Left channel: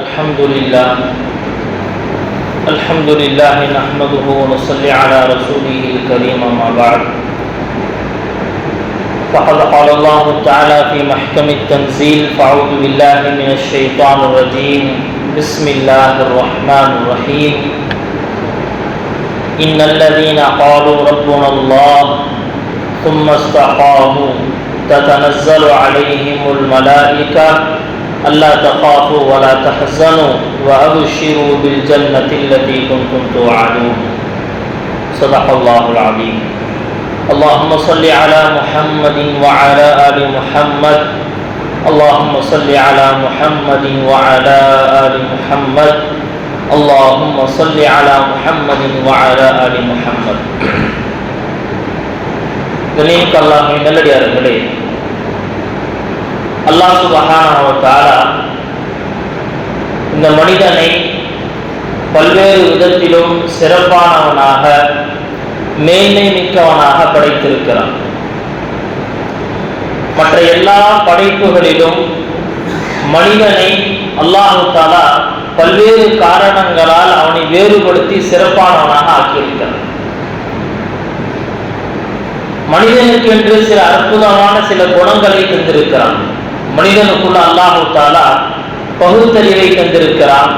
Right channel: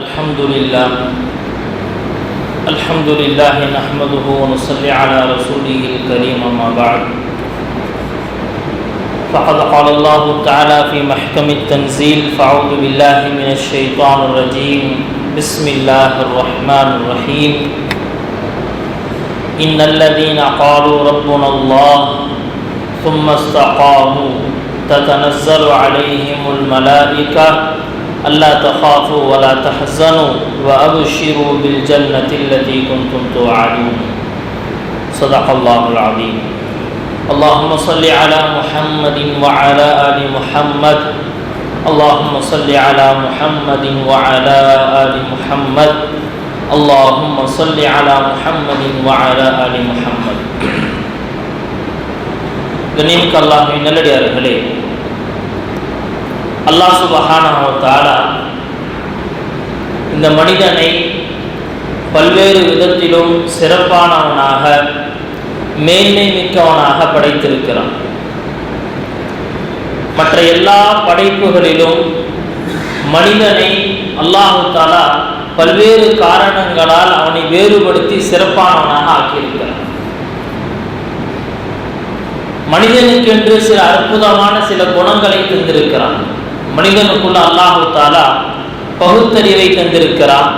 الحمد لله نحمده ونصلي على رسوله الكريم أما بعد فقد قال الله تعالى في محكم التنزيل فأعوذ بالله من الشيطان الرجيم بسم الله الرحمن الرحيم إن الذين قالوا ربنا الله ثم استقاموا تتنزل عليهم الملائكة ألا تخافوا ولا تحزنوا وأبشروا بالجنة التي كنتم توعدون صدق الله العظيم اللهم صل على محمد وعلى آل محمد اللهم صل على محمد وعلى آل محمد اللهم صل على محمد وعلى آل محمد கண்ணியமிக்க அல்லாஹ்வின் நல்லடியார்களே, அல்லாஹ் சுப்ஹானஹு வ தஆலா இந்த மனிதனை பல்வேறு விதத்திலும் சிறப்பானவனாக மேன்மை மிக்கவனாக படைத்திருக்கிறான். மற்ற எல்லா படைப்புகளிலும் மனிதனை அல்லாஹ் தஆலா பல்வேறு காரணங்களால் அவனை வேறுபடுத்தி சிறப்பானவனாக ஆக்கியிருக்கிறான். மனிதனுக்கு என்று சில அற்புதமான சில குணங்களை தந்திருக்கிறான். மனிதனுக்குள்ள அல்லாஹ் தஆலா பகுத்தறிவை தந்திருக்கிறான்.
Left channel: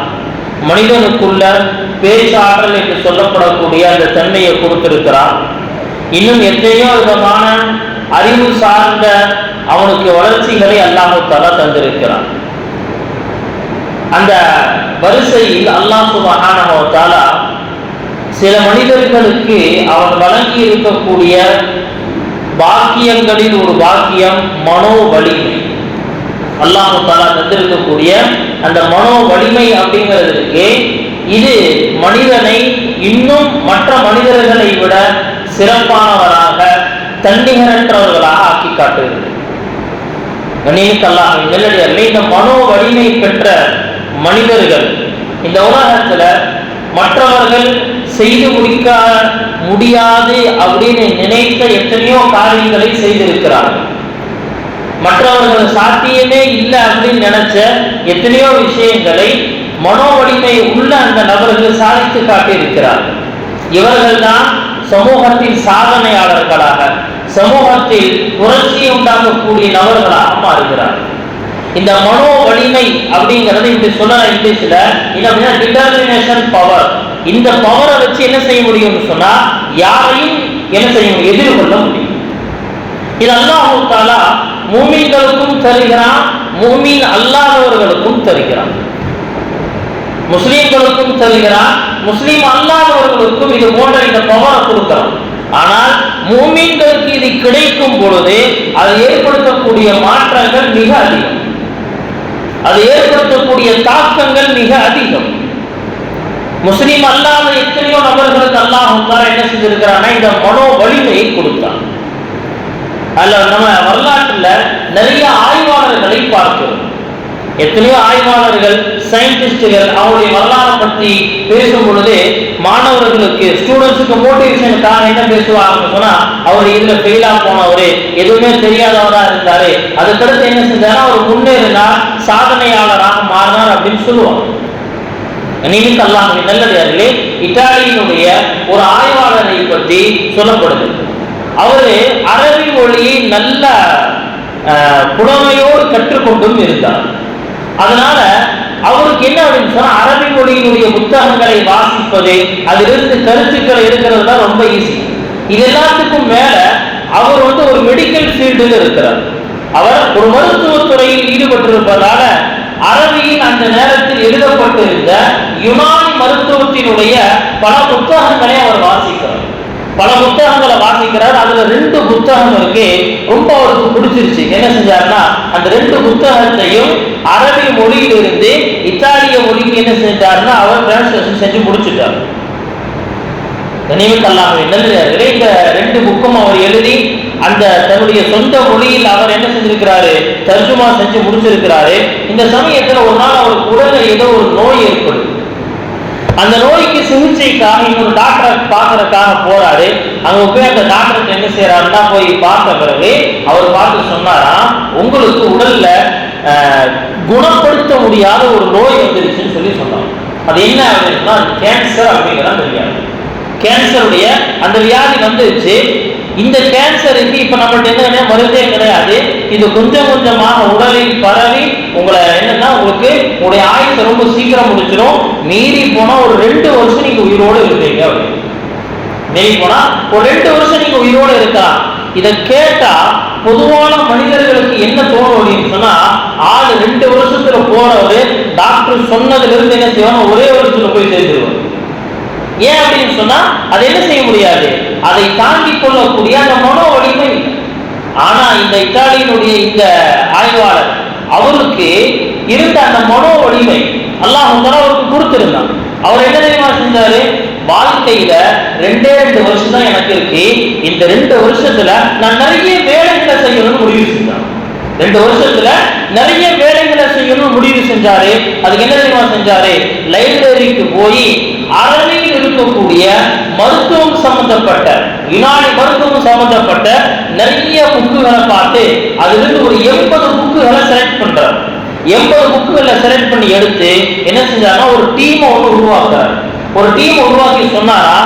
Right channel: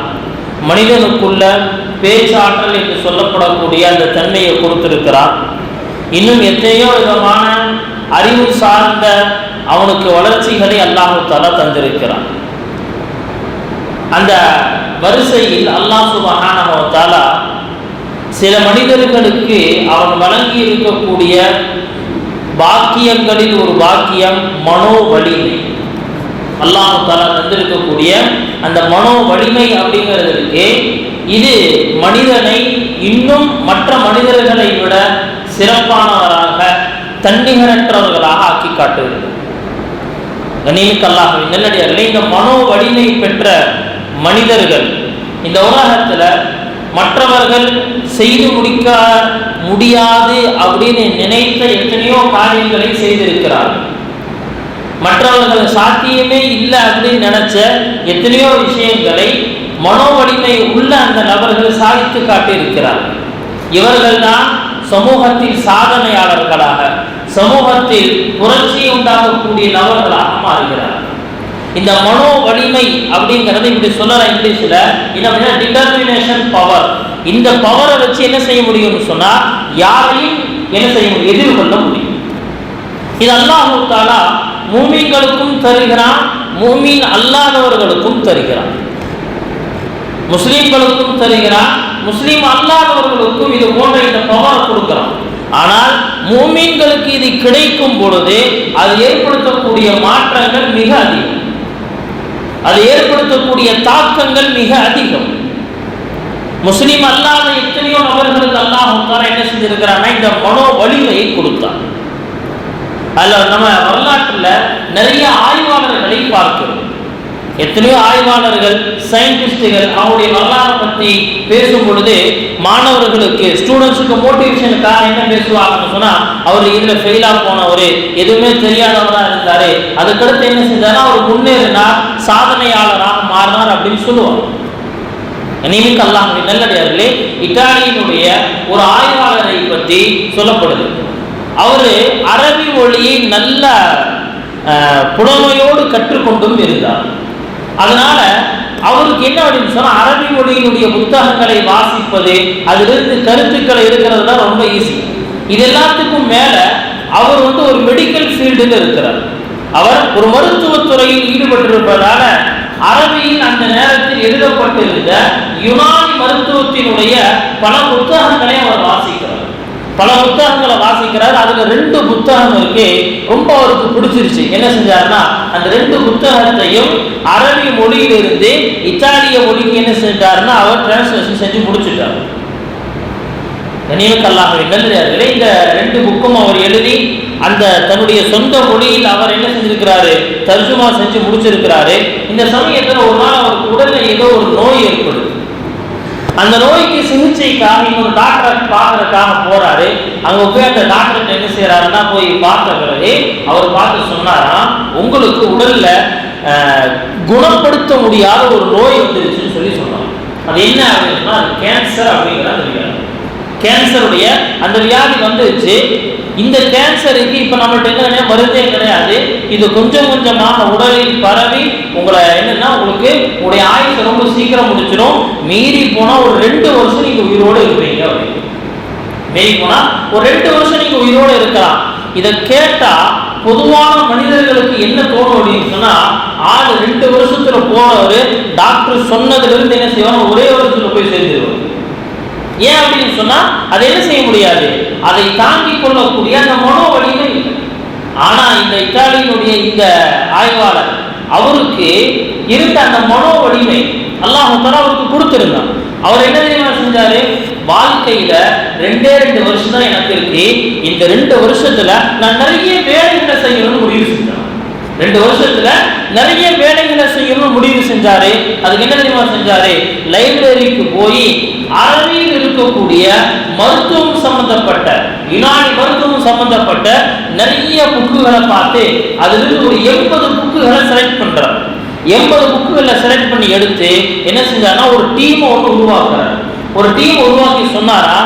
மனிதனுக்குள்ள பேச்சாற்றல் என்று சொல்லப்படக்கூடிய அந்த தன்மையை கொடுத்திருக்கிறான். இன்னும் எத்தனையோ விதமான அறிவு சார்ந்த அவனுக்கு வளர்ச்சிகளை அல்லாஹ் தஆலா தந்திருக்கிறான். அந்த வரிசையில் அல்லாஹ் சுப்ஹானஹு வ தஆலா சில மனிதர்களுக்கு அவன் வழங்கி இருக்கக்கூடிய பாக்கியங்களில் ஒரு பாக்கியம் மனோ வலிமை. அல்லாஹ் தஆலா தந்திருக்கக்கூடிய அந்த மனோ வலிமை அப்படிங்கிறதுக்கு இது மனிதனை இன்னும் மற்ற மனிதர்களை விட சிறப்பானவராக தன்னிகரற்றவர்களாக ஆக்கி காட்டுகிறது. கண்ணியமிக்க அல்லாஹ்வின் நல்லடியார்களே, இந்த மனோ வலிமை பெற்ற மனிதர்கள் இந்த உலகத்துல மற்றவர்கள் செய்து முடிக்க முடியாது அப்படின்னு நினைத்த எத்தனையோ காரியங்களை செய்திருக்கிறார்கள். மற்றவர்கள் சாத்தியமே இல்லை அப்படின்னு நினைச்ச எத்தனையோ விஷயங்களை மனோ வலிமை உள்ள அந்த நபர்கள் சாதித்து காட்டியிருக்கிறார்கள். இவர்கள் தான் சமூகத்தில் சாதனையாளர்களாக, சமூகத்தில் புரட்சியை உண்டாக்கக்கூடிய நபர்களாக மாறுகிறார்கள். இந்த மனோ வலிமை அப்படிங்கிறது இப்படி சொல்லலாம் இங்கிலீஷ்ல டிட்டர்மினேஷன் பவர். இந்த பவரை வச்சு என்ன செய்ய முடியும்னு சொன்னா யாரையும் என்ன செய்ய முடியும், எதிர்கொள்ள முடியும். இது அல்லாஹ் தஆலா மூமின்களுக்கும் தருகிறான், மூமின் அல்லாதவர்களுக்கும் தருகிறான். முஸ்லிம்களுக்கும் தருகிறான், முஸ்லிம் அல்லாதவர்களுக்கும் இது போன்ற இந்த பவரை கொடுக்கிறான். ஆனால் மூமின்களுக்கு இது கிடைக்கும் பொழுது அது ஏற்படுத்தக்கூடிய மாற்றங்கள் மிக அதிகம், அது ஏற்படுத்தக்கூடிய தாக்கங்கள் மிக அதிகம். முஸ்லிம் அல்லாத எத்தனையோ நபர்களுக்கு அல்லாஹ் தஆலா என்ன செஞ்சிருக்கிறான்னா இந்த மனோ வலிமையை கொடுத்தான். அதுல நம்ம வரலாற்றுல நிறைய ஆய்வாளர்களை பார்க்கிறோம். எத்தனையோ ஆய்வாளர்கள், சயின்டிஸ்டுகள் அவருடைய வரலாறு பற்றி பேசும் பொழுது மாணவர்களுக்கு, ஸ்டூடெண்ட்ஸுக்கு மோட்டிவேஷனுக்காக என்ன பேசுவாங்கன்னு சொன்னா, அவர் இதுல ஃபெயிலா போனவர், எதுவுமே தெரியாதவரா இருந்தாரு, அதுக்கடுத்து என்ன செஞ்சாரு, அவர் முன்னேறினார், சாதனையாளராக மாறினார் அப்படின்னு சொல்லுவாங்க. நீங்க அல்லாஹ்வின் நல்லடியார்களே, இத்தாலியினுடைய ஒரு ஆய்வாளரை பற்றி சொல்லப்படுது. அவரு அரபி மொழியை நல்ல புலமையோடு கற்றுக்கொண்டும் இருந்தார். அதனால அவருக்கு என்ன அப்படின்னு சொன்னா அரபி மொழியினுடைய புத்தகங்களை வாசிப்பது, அதிலிருந்து கருத்துக்களை எடுக்கிறது தான் ரொம்ப ஈஸி. இது எல்லாத்துக்கும் மேல அவர் ஒரு மெடிக்கல் ஃபீல்டுல இருக்கிறார். அவர் ஒரு மருத்துவத்துறையில் ஈடுபட்டிருப்பதால அரபியின் அந்த நேரத்தில் எழுதப்பட்டிருந்த யுனானி மருத்துவத்தினுடைய பல புத்தகங்களை அவர் வாசிக்கிறார். பல புத்தகங்களை வாசிக்கிறார். அதுல 2 புத்தகம் இருக்கு, ரொம்ப அவருக்கு பிடிச்சிருச்சு. என்ன செஞ்சாருன்னா அந்த 2 புத்தகத்தையும் அரபி மொழியிலிருந்து இத்தாலிய மொழிக்கு என்ன செஞ்சாருன்னா அவர் டிரான்ஸ்லேஷன் செஞ்சு முடிச்சுட்டார். கண்ணியமிக்க அல்லாஹ்வின் நல்லடியார்களே, இந்த 2 புக்கும் அவர் எழுதி அந்த தன்னுடைய சொந்த மொழியில் அவர் என்ன செஞ்சிருக்கிறாரு, தர்ஜுமா செஞ்சு முடிச்சிருக்கிறாரு. இந்த சமயத்துல ஒரு நாள் அவருக்கு உடல்ல ஏதோ ஒரு நோய் ஏற்படுது. அந்த நோய்க்கு சிகிச்சைக்காக இன்னொரு டாக்டரை பார்க்கறதுக்காக போறாரு. அங்க போய் அந்த டாக்டர் என்ன செய்யறாருன்னா போய் பார்த்த பிறகு அவர் பார்த்து சொன்னாராம், உங்களுக்கு உடல்ல குணப்படுத்த முடியாத ஒரு நோய் வந்துருச்சுன்னு சொல்லி சொன்னாங்க. அது என்ன அப்படின்னா அது கேன்சர் அப்படிங்கிற அந்த வியாதி. கேன்சருடைய அந்த வியாதி வந்துருச்சு. இந்த கேன்சருக்கு இப்ப நம்மள்ட்ட என்ன மருந்தே கிடையாது. இது கொஞ்சம் கொஞ்சமாக உடலில் பரவி உங்களை என்னன்னா உங்களுக்கு உங்களுடைய ஆயுசை ரொம்ப சீக்கிரம் முடிச்சிடும். மீறி போனா ஒரு 2 வருஷம் நீங்க உயிரோடு இருப்பீங்க அப்படின்னு. மீறி போனா ஒரு 2 வருஷம் நீங்க உயிரோடு இருக்கலாம். இதை கேட்டா பொதுவான மனிதர்களுக்கு என்ன தோணும் அப்படின்னு சொன்னா, ஆள் 2 வருஷத்துல போனவரு டாக்டர் சொன்னதுல இருந்து என்ன செய்வாங்க, ஒரே வருஷத்துல போய் சேர்ந்துருவாங்க. ஏன் அப்படின்னு சொன்னா அதை என்ன செய்ய முடியாது, அதை தாங்கிக் கொள்ளக்கூடிய அந்த மனோ வலிமை. ஆனா இந்த இத்தாலியினுடைய இந்த ஆய்வாளர் அவருக்கு இருந்த அந்த மனோ வலிமை அல்லாஹ் அவருக்கு கொடுத்திருந்தான். அவர் என்ன தெரியுமா செஞ்சாரு, வாழ்க்கையில 2 வருஷம் தான் எனக்கு இருக்கு, இந்த 2 வருஷத்துல நான் நிறைய வேலைகளை செய்யணும்னு முடிவு செஞ்சான். 2 வருஷத்துல நிறைய வேலைகளை செய்யணும்னு முடிவு செஞ்சாரு. அதுக்கு என்ன தெரியுமா செஞ்சாரு, லைப்ரரிக்கு போய் அரணியில் இருக்கக்கூடிய மருத்துவம் சம்பந்தப்பட்ட யுனானி மருத்துவம் சம்பந்தப்பட்ட நிறைய புக்குகளை பார்த்து அதிலிருந்து ஒரு 80 புக்குகளை செலக்ட் பண்றாரு. 80 புக்குகளை செலக்ட் பண்ணி எடுத்து என்ன செஞ்சாருன்னா ஒரு டீமை ஒன்று உருவாக்குறாரு. ஒரு டீம் உருவாக்கி சொன்னாரா,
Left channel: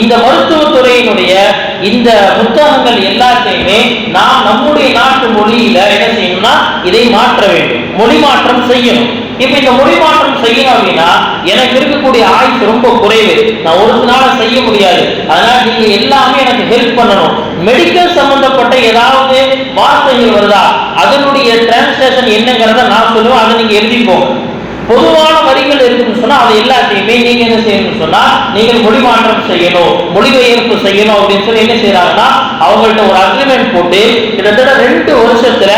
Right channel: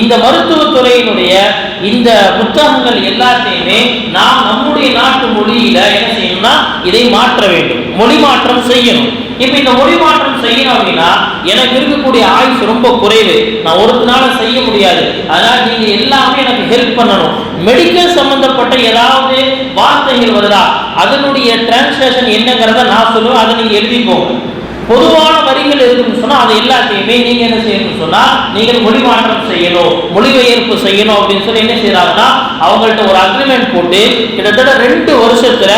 இந்த மருத்துவத்துறையினுடைய இந்த புத்தகங்கள் எல்லாத்தையுமே நாம் நம்முடைய நாட்டு மொழியில என்ன செய்யணும்னா இதை மாற்ற வேண்டும், மொழி மாற்றம் செய்யணும். இப்ப இந்த மொழி மாற்றம் செய்யணும் அப்படின்னா எனக்கு இருக்கக்கூடிய ஆயுசு ரொம்ப குறைவு, நான் ஒரு நாள செய்ய முடியாது. அதனால நீங்க எல்லாமே எனக்கு ஹெல்ப் பண்ணணும். மெடிக்கல் சம்பந்தப்பட்ட ஏதாவது வார்த்தைகள் வருதா, அதனுடைய டிரான்ஸ்லேஷன் என்னங்கிறத நான் சொல்லுவேன், அதை நீங்க எழுதிப்போங்க. பொதுவான வரிகள் இருக்குன்னு சொன்னா அது எல்லாத்தையுமே நீங்க என்ன செய்யணும்னு சொன்னா நீங்கள் மொழி மாற்றம் செய்யணும், மொழிபெயர்ப்பு செய்யணும் அப்படின்னு சொல்லி என்ன செய்யறாங்கன்னா அவங்கள்ட்ட ஒரு அக்ரிமெண்ட் போட்டு கிட்டத்தட்ட 2 வருஷத்துல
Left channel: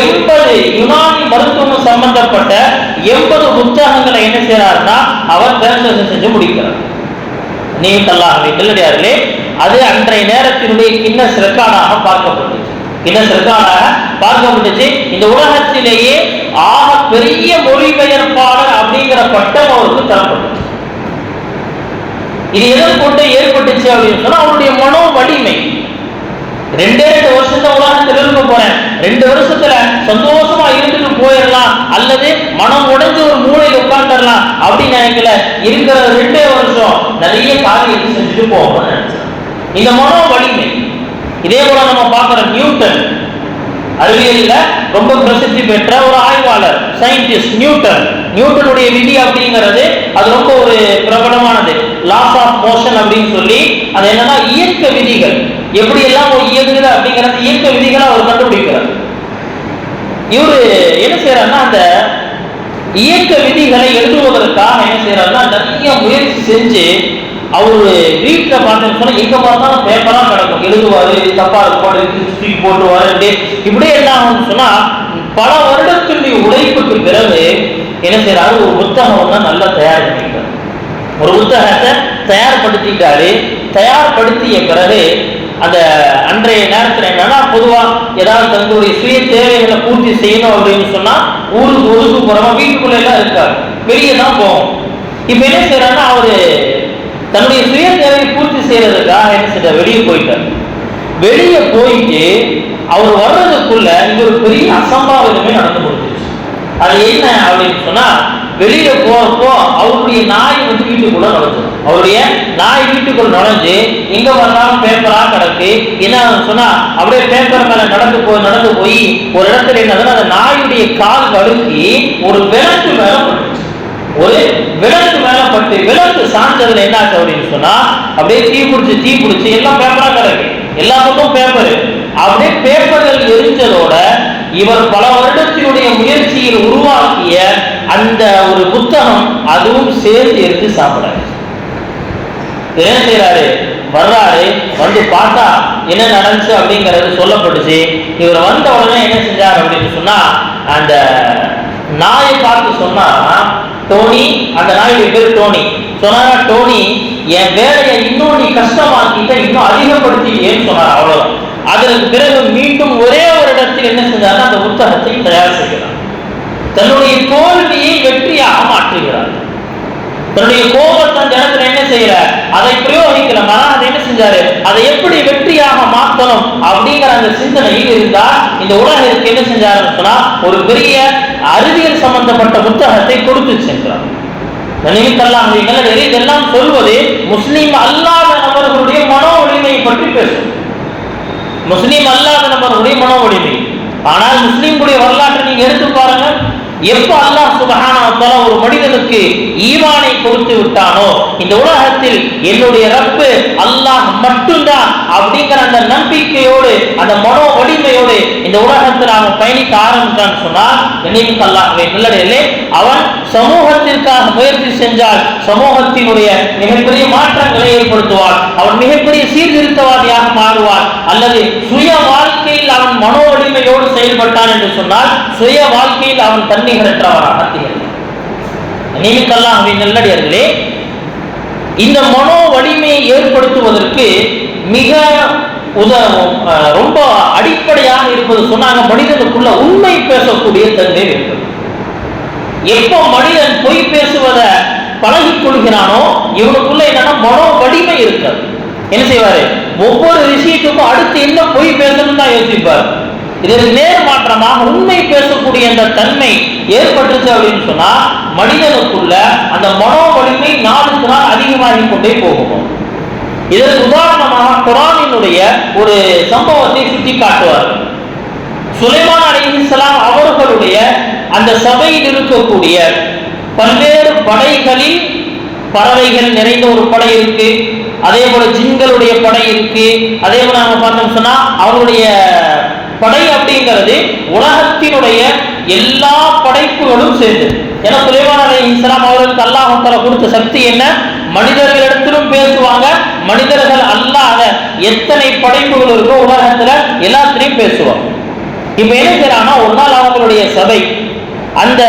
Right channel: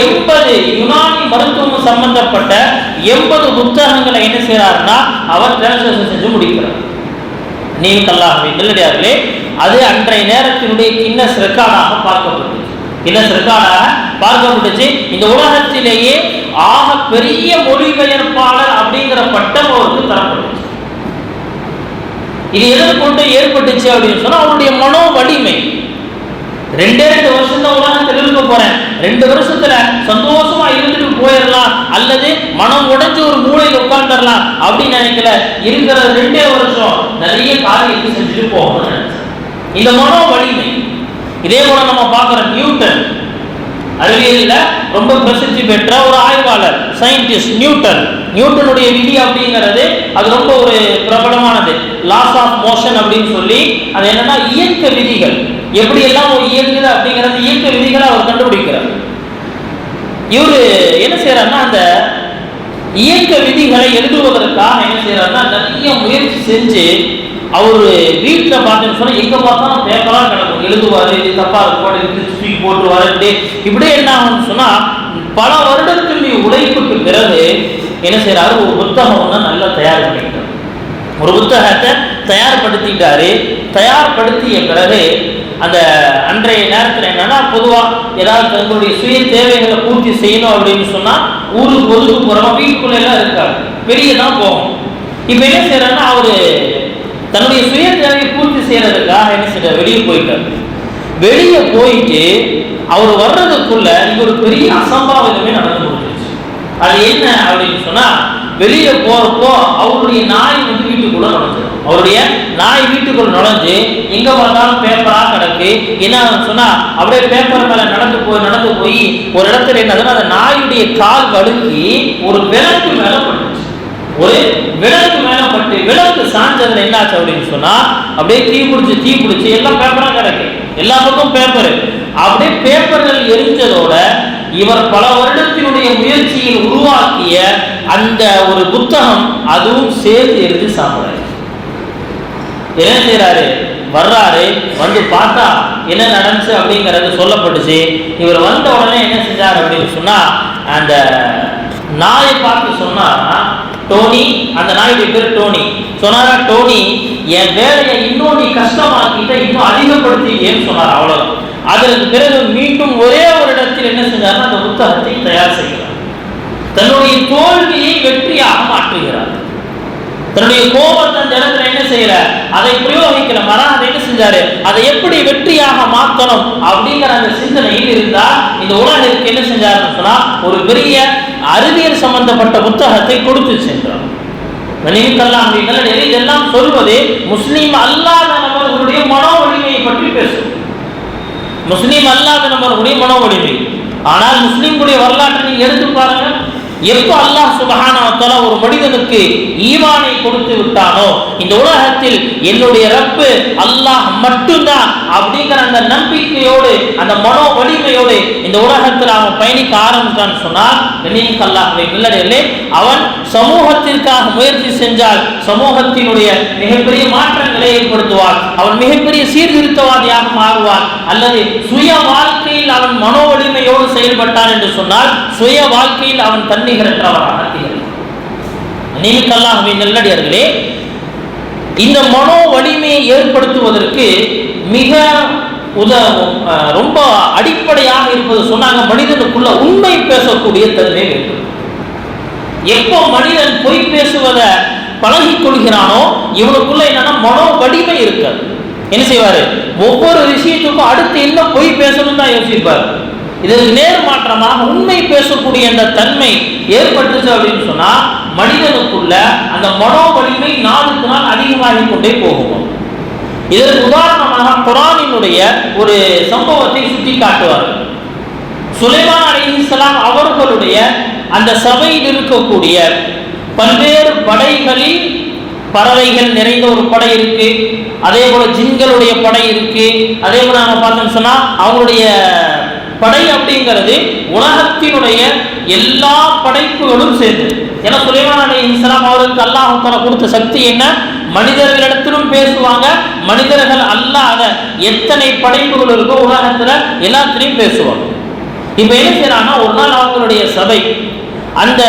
80 யுனானி மருத்துவம் சம்பந்தப்பட்ட 80 புத்தகங்களை என்ன செய்யறாருன்னா அவர் டிரான்ஸ்லேஷன் செஞ்சு முடிக்கிறார். நீங்க நல்லடியார்களே, அது அன்றைய நேரத்தினுடைய கின்னஸ் ரெக்கார்டாக பார்க்கப்பட்டுச்சு. கின்னஸ் ரெக்கார்டாக பார்க்கப்பட்டுச்சு. இந்த உலகத்திலேயே ஆக பெரிய மொழிபெயர்ப்பாளர் அப்படிங்கிற பட்டம் அவருக்கு தரப்பட்டுச்சு. இது எதை கொண்டு ஏற்பட்டுச்சு அப்படின்னு சொன்னா அவருடைய மனோ வலிமை. 2 வருஷம் தான் உலகத்தில் இருக்க போறேன், 2 வருஷத்துல சந்தோஷமா இருந்துட்டு போயிடலாம், அல்லது மனம் உடைஞ்சு ஒரு மூளையில் உட்கார்ந்துடலாம் அப்படின்னு நினைக்கல. இருக்கிற 2 வருஷம் நிறைய காரியத்தை செஞ்சுட்டு போகணும்னு நினைச்சேன். இந்த மனோ வலிமை. இதே போல நம்ம பார்க்கிற நியூட்டன், அறிவியலில் ரொம்ப பிரசித்தி பெற்ற ஒரு ஆய்வாளர், சயின்டிஸ்ட் நியூட்டன். நியூட்டனுடைய விதி அப்படிங்கிறது அது ரொம்ப ஒரு பிரபலமானது. லாஸ் ஆஃப் மோஷன் அப்படின்னு சொல்லி அது என்னன்னா இயக்க விதிகள் எப்படி எல்லாம் ஒரு இயங்குது அப்படிங்கிறது இயக்க விதிகளை அவர் கண்டுபிடிக்கிறார். இவரு என்ன செய்யறாருன்னா அந்த இயக்க விதிகளை எழுதுவதற்காக என்ன செய்யறாருன்னா நிறைய முயற்சி செஞ்சு அவரு வீட்டில் பார்த்தேன்னு சொன்னா எங்க பார்த்தாலும் பேப்பரா கிடக்கும், எழுதுவாரு, தப்பா இருக்கும் தூக்கி போட்டுருவாரு. இப்படியே என்ன ஆகும்னு சொன்னா பல வருடத்தினுடைய உழைப்புக்கு பிறகு என்ன செய்யறாரு, ஒரு புத்தகம் தான் நல்லா தயார் பண்ணிட்டார். ஒரு புத்தகத்தை தயார்படுத்திட்டாரு. தயார்படுத்திய பிறகு அந்த அன்றைய நேரத்தில் என்னன்னா பொதுவா ஏதாவது தங்களுடைய சுய தேவைகளை பூர்த்தி செய்யணும் அப்படின்னு சொன்னா ஊருக்கு ஒதுக்கு போறோம், வீட்டுக்குள்ள எல்லாம் இருக்காரு, வெளியே தான் போவோம். இப்ப என்ன செய்யறாருன்னா அவரு தன்னுடைய சுய தேவையை பூர்த்தி செய்யறதுக்காக என்ன செய்ய வெளியே போயிட்டார். வெளியே போயிட்டு அவர் வர்றதுக்குள்ள இங்க ஒரு பெரிய அசம்பாவிதமே நடந்து கொடுத்துருச்சு. அது என்ன அப்படின்னு சொன்னா வெளியே போறப்போ அவருடைய நாய் வந்து வீட்டுக்குள்ள நுழைஞ்சிடும். அவருடைய நாய் வீட்டுக்குள்ள நுழைஞ்சு எங்க பார்த்தாலும் பேப்பரா கிடக்கு. என்ன சொன்னா அப்படியே பேப்பர் மேல நடந்து போய் ஒரு இடத்துல என்ன அந்த நாயுடைய கால் வழுக்கி ஒரு விளக்கு மேல பட்டுச்சு. ஒரு விளக்கு மேல பட்டு விளக்கு சாஞ்சதுல என்னாச்சு அப்படின்னு சொன்னா அப்படியே தீ பிடிச்சி எல்லாம் பேப்பரா கிடக்கு, எல்லா பக்கம் பேப்பர். அப்படியே பேப்பர்கள் எரிஞ்சதோட இவர் பல வருடத்தினுடைய முயற்சியில் உருவாக்கிய அந்த ஒரு புத்தகம் அதுவும் சேர்ந்து எரிஞ்சு சாப்பிடாரு. என்ன செய்யறாரு, வர்றாரு, வந்து பார்த்தா என்ன நடந்துச்சு அப்படிங்கிறது சொல்லப்பட்டுச்சு. இவர் வந்த உடனே என்ன செஞ்சார் அப்படின்னு சொன்னா அந்த நாயை பார்த்து சொன்னா, டோனி, அந்த நாயுடைய பேர் டோனி, சொன்னாரா டோனி என் வேலையை இன்னும் நீ கஷ்டமாக்கிட்ட, இன்னும் அதிகப்படுத்திட்டேன்னு சொன்னார். அவ்வளவுதான். அதற்கு பிறகு மீண்டும் ஒரே ஒரு இடத்தில் என்ன செஞ்சார், அந்த புத்தகத்தை தயார் செய்கிறார். தன்னுடைய தோல்வியை வெற்றியாக மாற்றுகிறார். தன்னுடைய கோபத்தை அந்த இடத்துல என்ன செய்யற அதை பிரயோகிக்கல, மனம் அதை என்ன செஞ்சாரு, அதை எப்படி வெற்றியாக மாற்றணும் அப்படிங்கிற அந்த சிந்தனையில் இருந்தா இந்த உலகிற்கு என்ன செஞ்சாருன்னு சொன்னா ஒரு பெரிய அறிவியல் சம்பந்தப்பட்ட புத்தகத்தை கொடுத்து சென்றார். இதெல்லாம் சொல்வது முஸ்லீம் அல்லாத நபர்களுடைய மனோ வலிமையை பற்றி பேசும். முஸ்லீம் அல்லாத நபர்களுடைய மனோ வலிமை. ஆனால் முஸ்லீம்களுடைய வரலாற்றை நீங்க எடுத்து பாருங்க. எப்போ அல்லாஹ் சுப்ஹானஹு வ தஆலா ஒரு மனிதனுக்கு ஈமானை கொடுத்து விட்டானோ, இந்த உலகத்தில் என்னுடைய ரப்பு அல்லாஹ் மட்டும்தான் அப்படிங்கிற அந்த நம்பிக்கையோடு அந்த மனோ வலிமையோடு இந்த உலகத்தில் அவன் பயணிக்க ஆரம்பிச்சான்னு சொன்னால், நினைவுக்கு அல்லாஹ்வை நல்லடிலே அவன் சமூகத்திற்காக முயற்சி செஞ்சால் சமூகத்தினுடைய மிகப்பெரிய மாற்றங்களை ஏற்படுத்துவான். அவன் மிகப்பெரிய சீர்திருத்தவாதியாக மாறுவான். அல்லது சுய வாழ்க்கையில் அவன் மனோ வலிமையோடு செயல்பட்டான் என்று சொன்னால் சுய வாழ்க்கையில் அவன் தன்னிகரற்றவராக திகழ்வான். நல்லடியார்களே, இந்த மனோ வலிமையை ஏற்படுத்துவதற்கு மிக ரொம்ப அடிப்படையாக இருப்பது சொன்னாங்க, மனிதனுக்குள்ள உண்மை பேசக்கூடிய தன்மை வேண்டும். எப்போ மனிதன் பொய் பேசுவதை பழகிக் கொள்கிறானோ இவனுக்குள்ள என்னன்னா மனோ வலிமை இருக்காது. என்ன செய்வாரு? ஒவ்வொரு விஷயத்துக்கும் அடுத்து என்ன பொய் பேசணும் தான் யோசிப்பார். இதற்கு நேர் மாற்றமாக உண்மை பேசக்கூடிய அந்த தன்மை ஏற்பட்டுச்சு அப்படின்னு சொன்னா மனிதனுக்குள்ள அந்த மனோ வலிமை நாளுக்கு நாள் அதிகமாகிக் கொண்டே போகும். இதற்கு உதாரணமாக குர்ஆனினுடைய ஒரு சம்பவத்தை சுட்டி காட்டுவார். சுலைமான் அலைஹிஸ்ஸலாம் அவர்களுடைய அந்த சபையில் இருக்கக்கூடிய பல்வேறு படைகளில் பறவைகள் நிறைந்த ஒரு படை இருக்கு, அதே போல ஜின்களுடைய படை இருக்கு, அதே போல நாம பார்த்தோம் சொன்னா அவங்களுடைய படை அப்படிங்கிறது உலகத்தினுடைய எல்லா படைப்புகளும் சேர்ந்து. ஏன்னா சுலைமான் அலைஹிஸ்ஸலாம் அவர்களுக்கு அல்லாஹ் தஆலா கொடுத்த சக்தி என்ன? மனிதர்களிடத்திலும் பேசுவாங்க, மனிதர்கள் அல்லாத எத்தனை படைப்புகள் இருக்கோ உலகத்துல எல்லாத்திலையும் பேசுவாங்க. இப்ப என்ன செய்யறாங்கன்னா, ஒரு நாள் அவங்களுடைய சபை, அந்த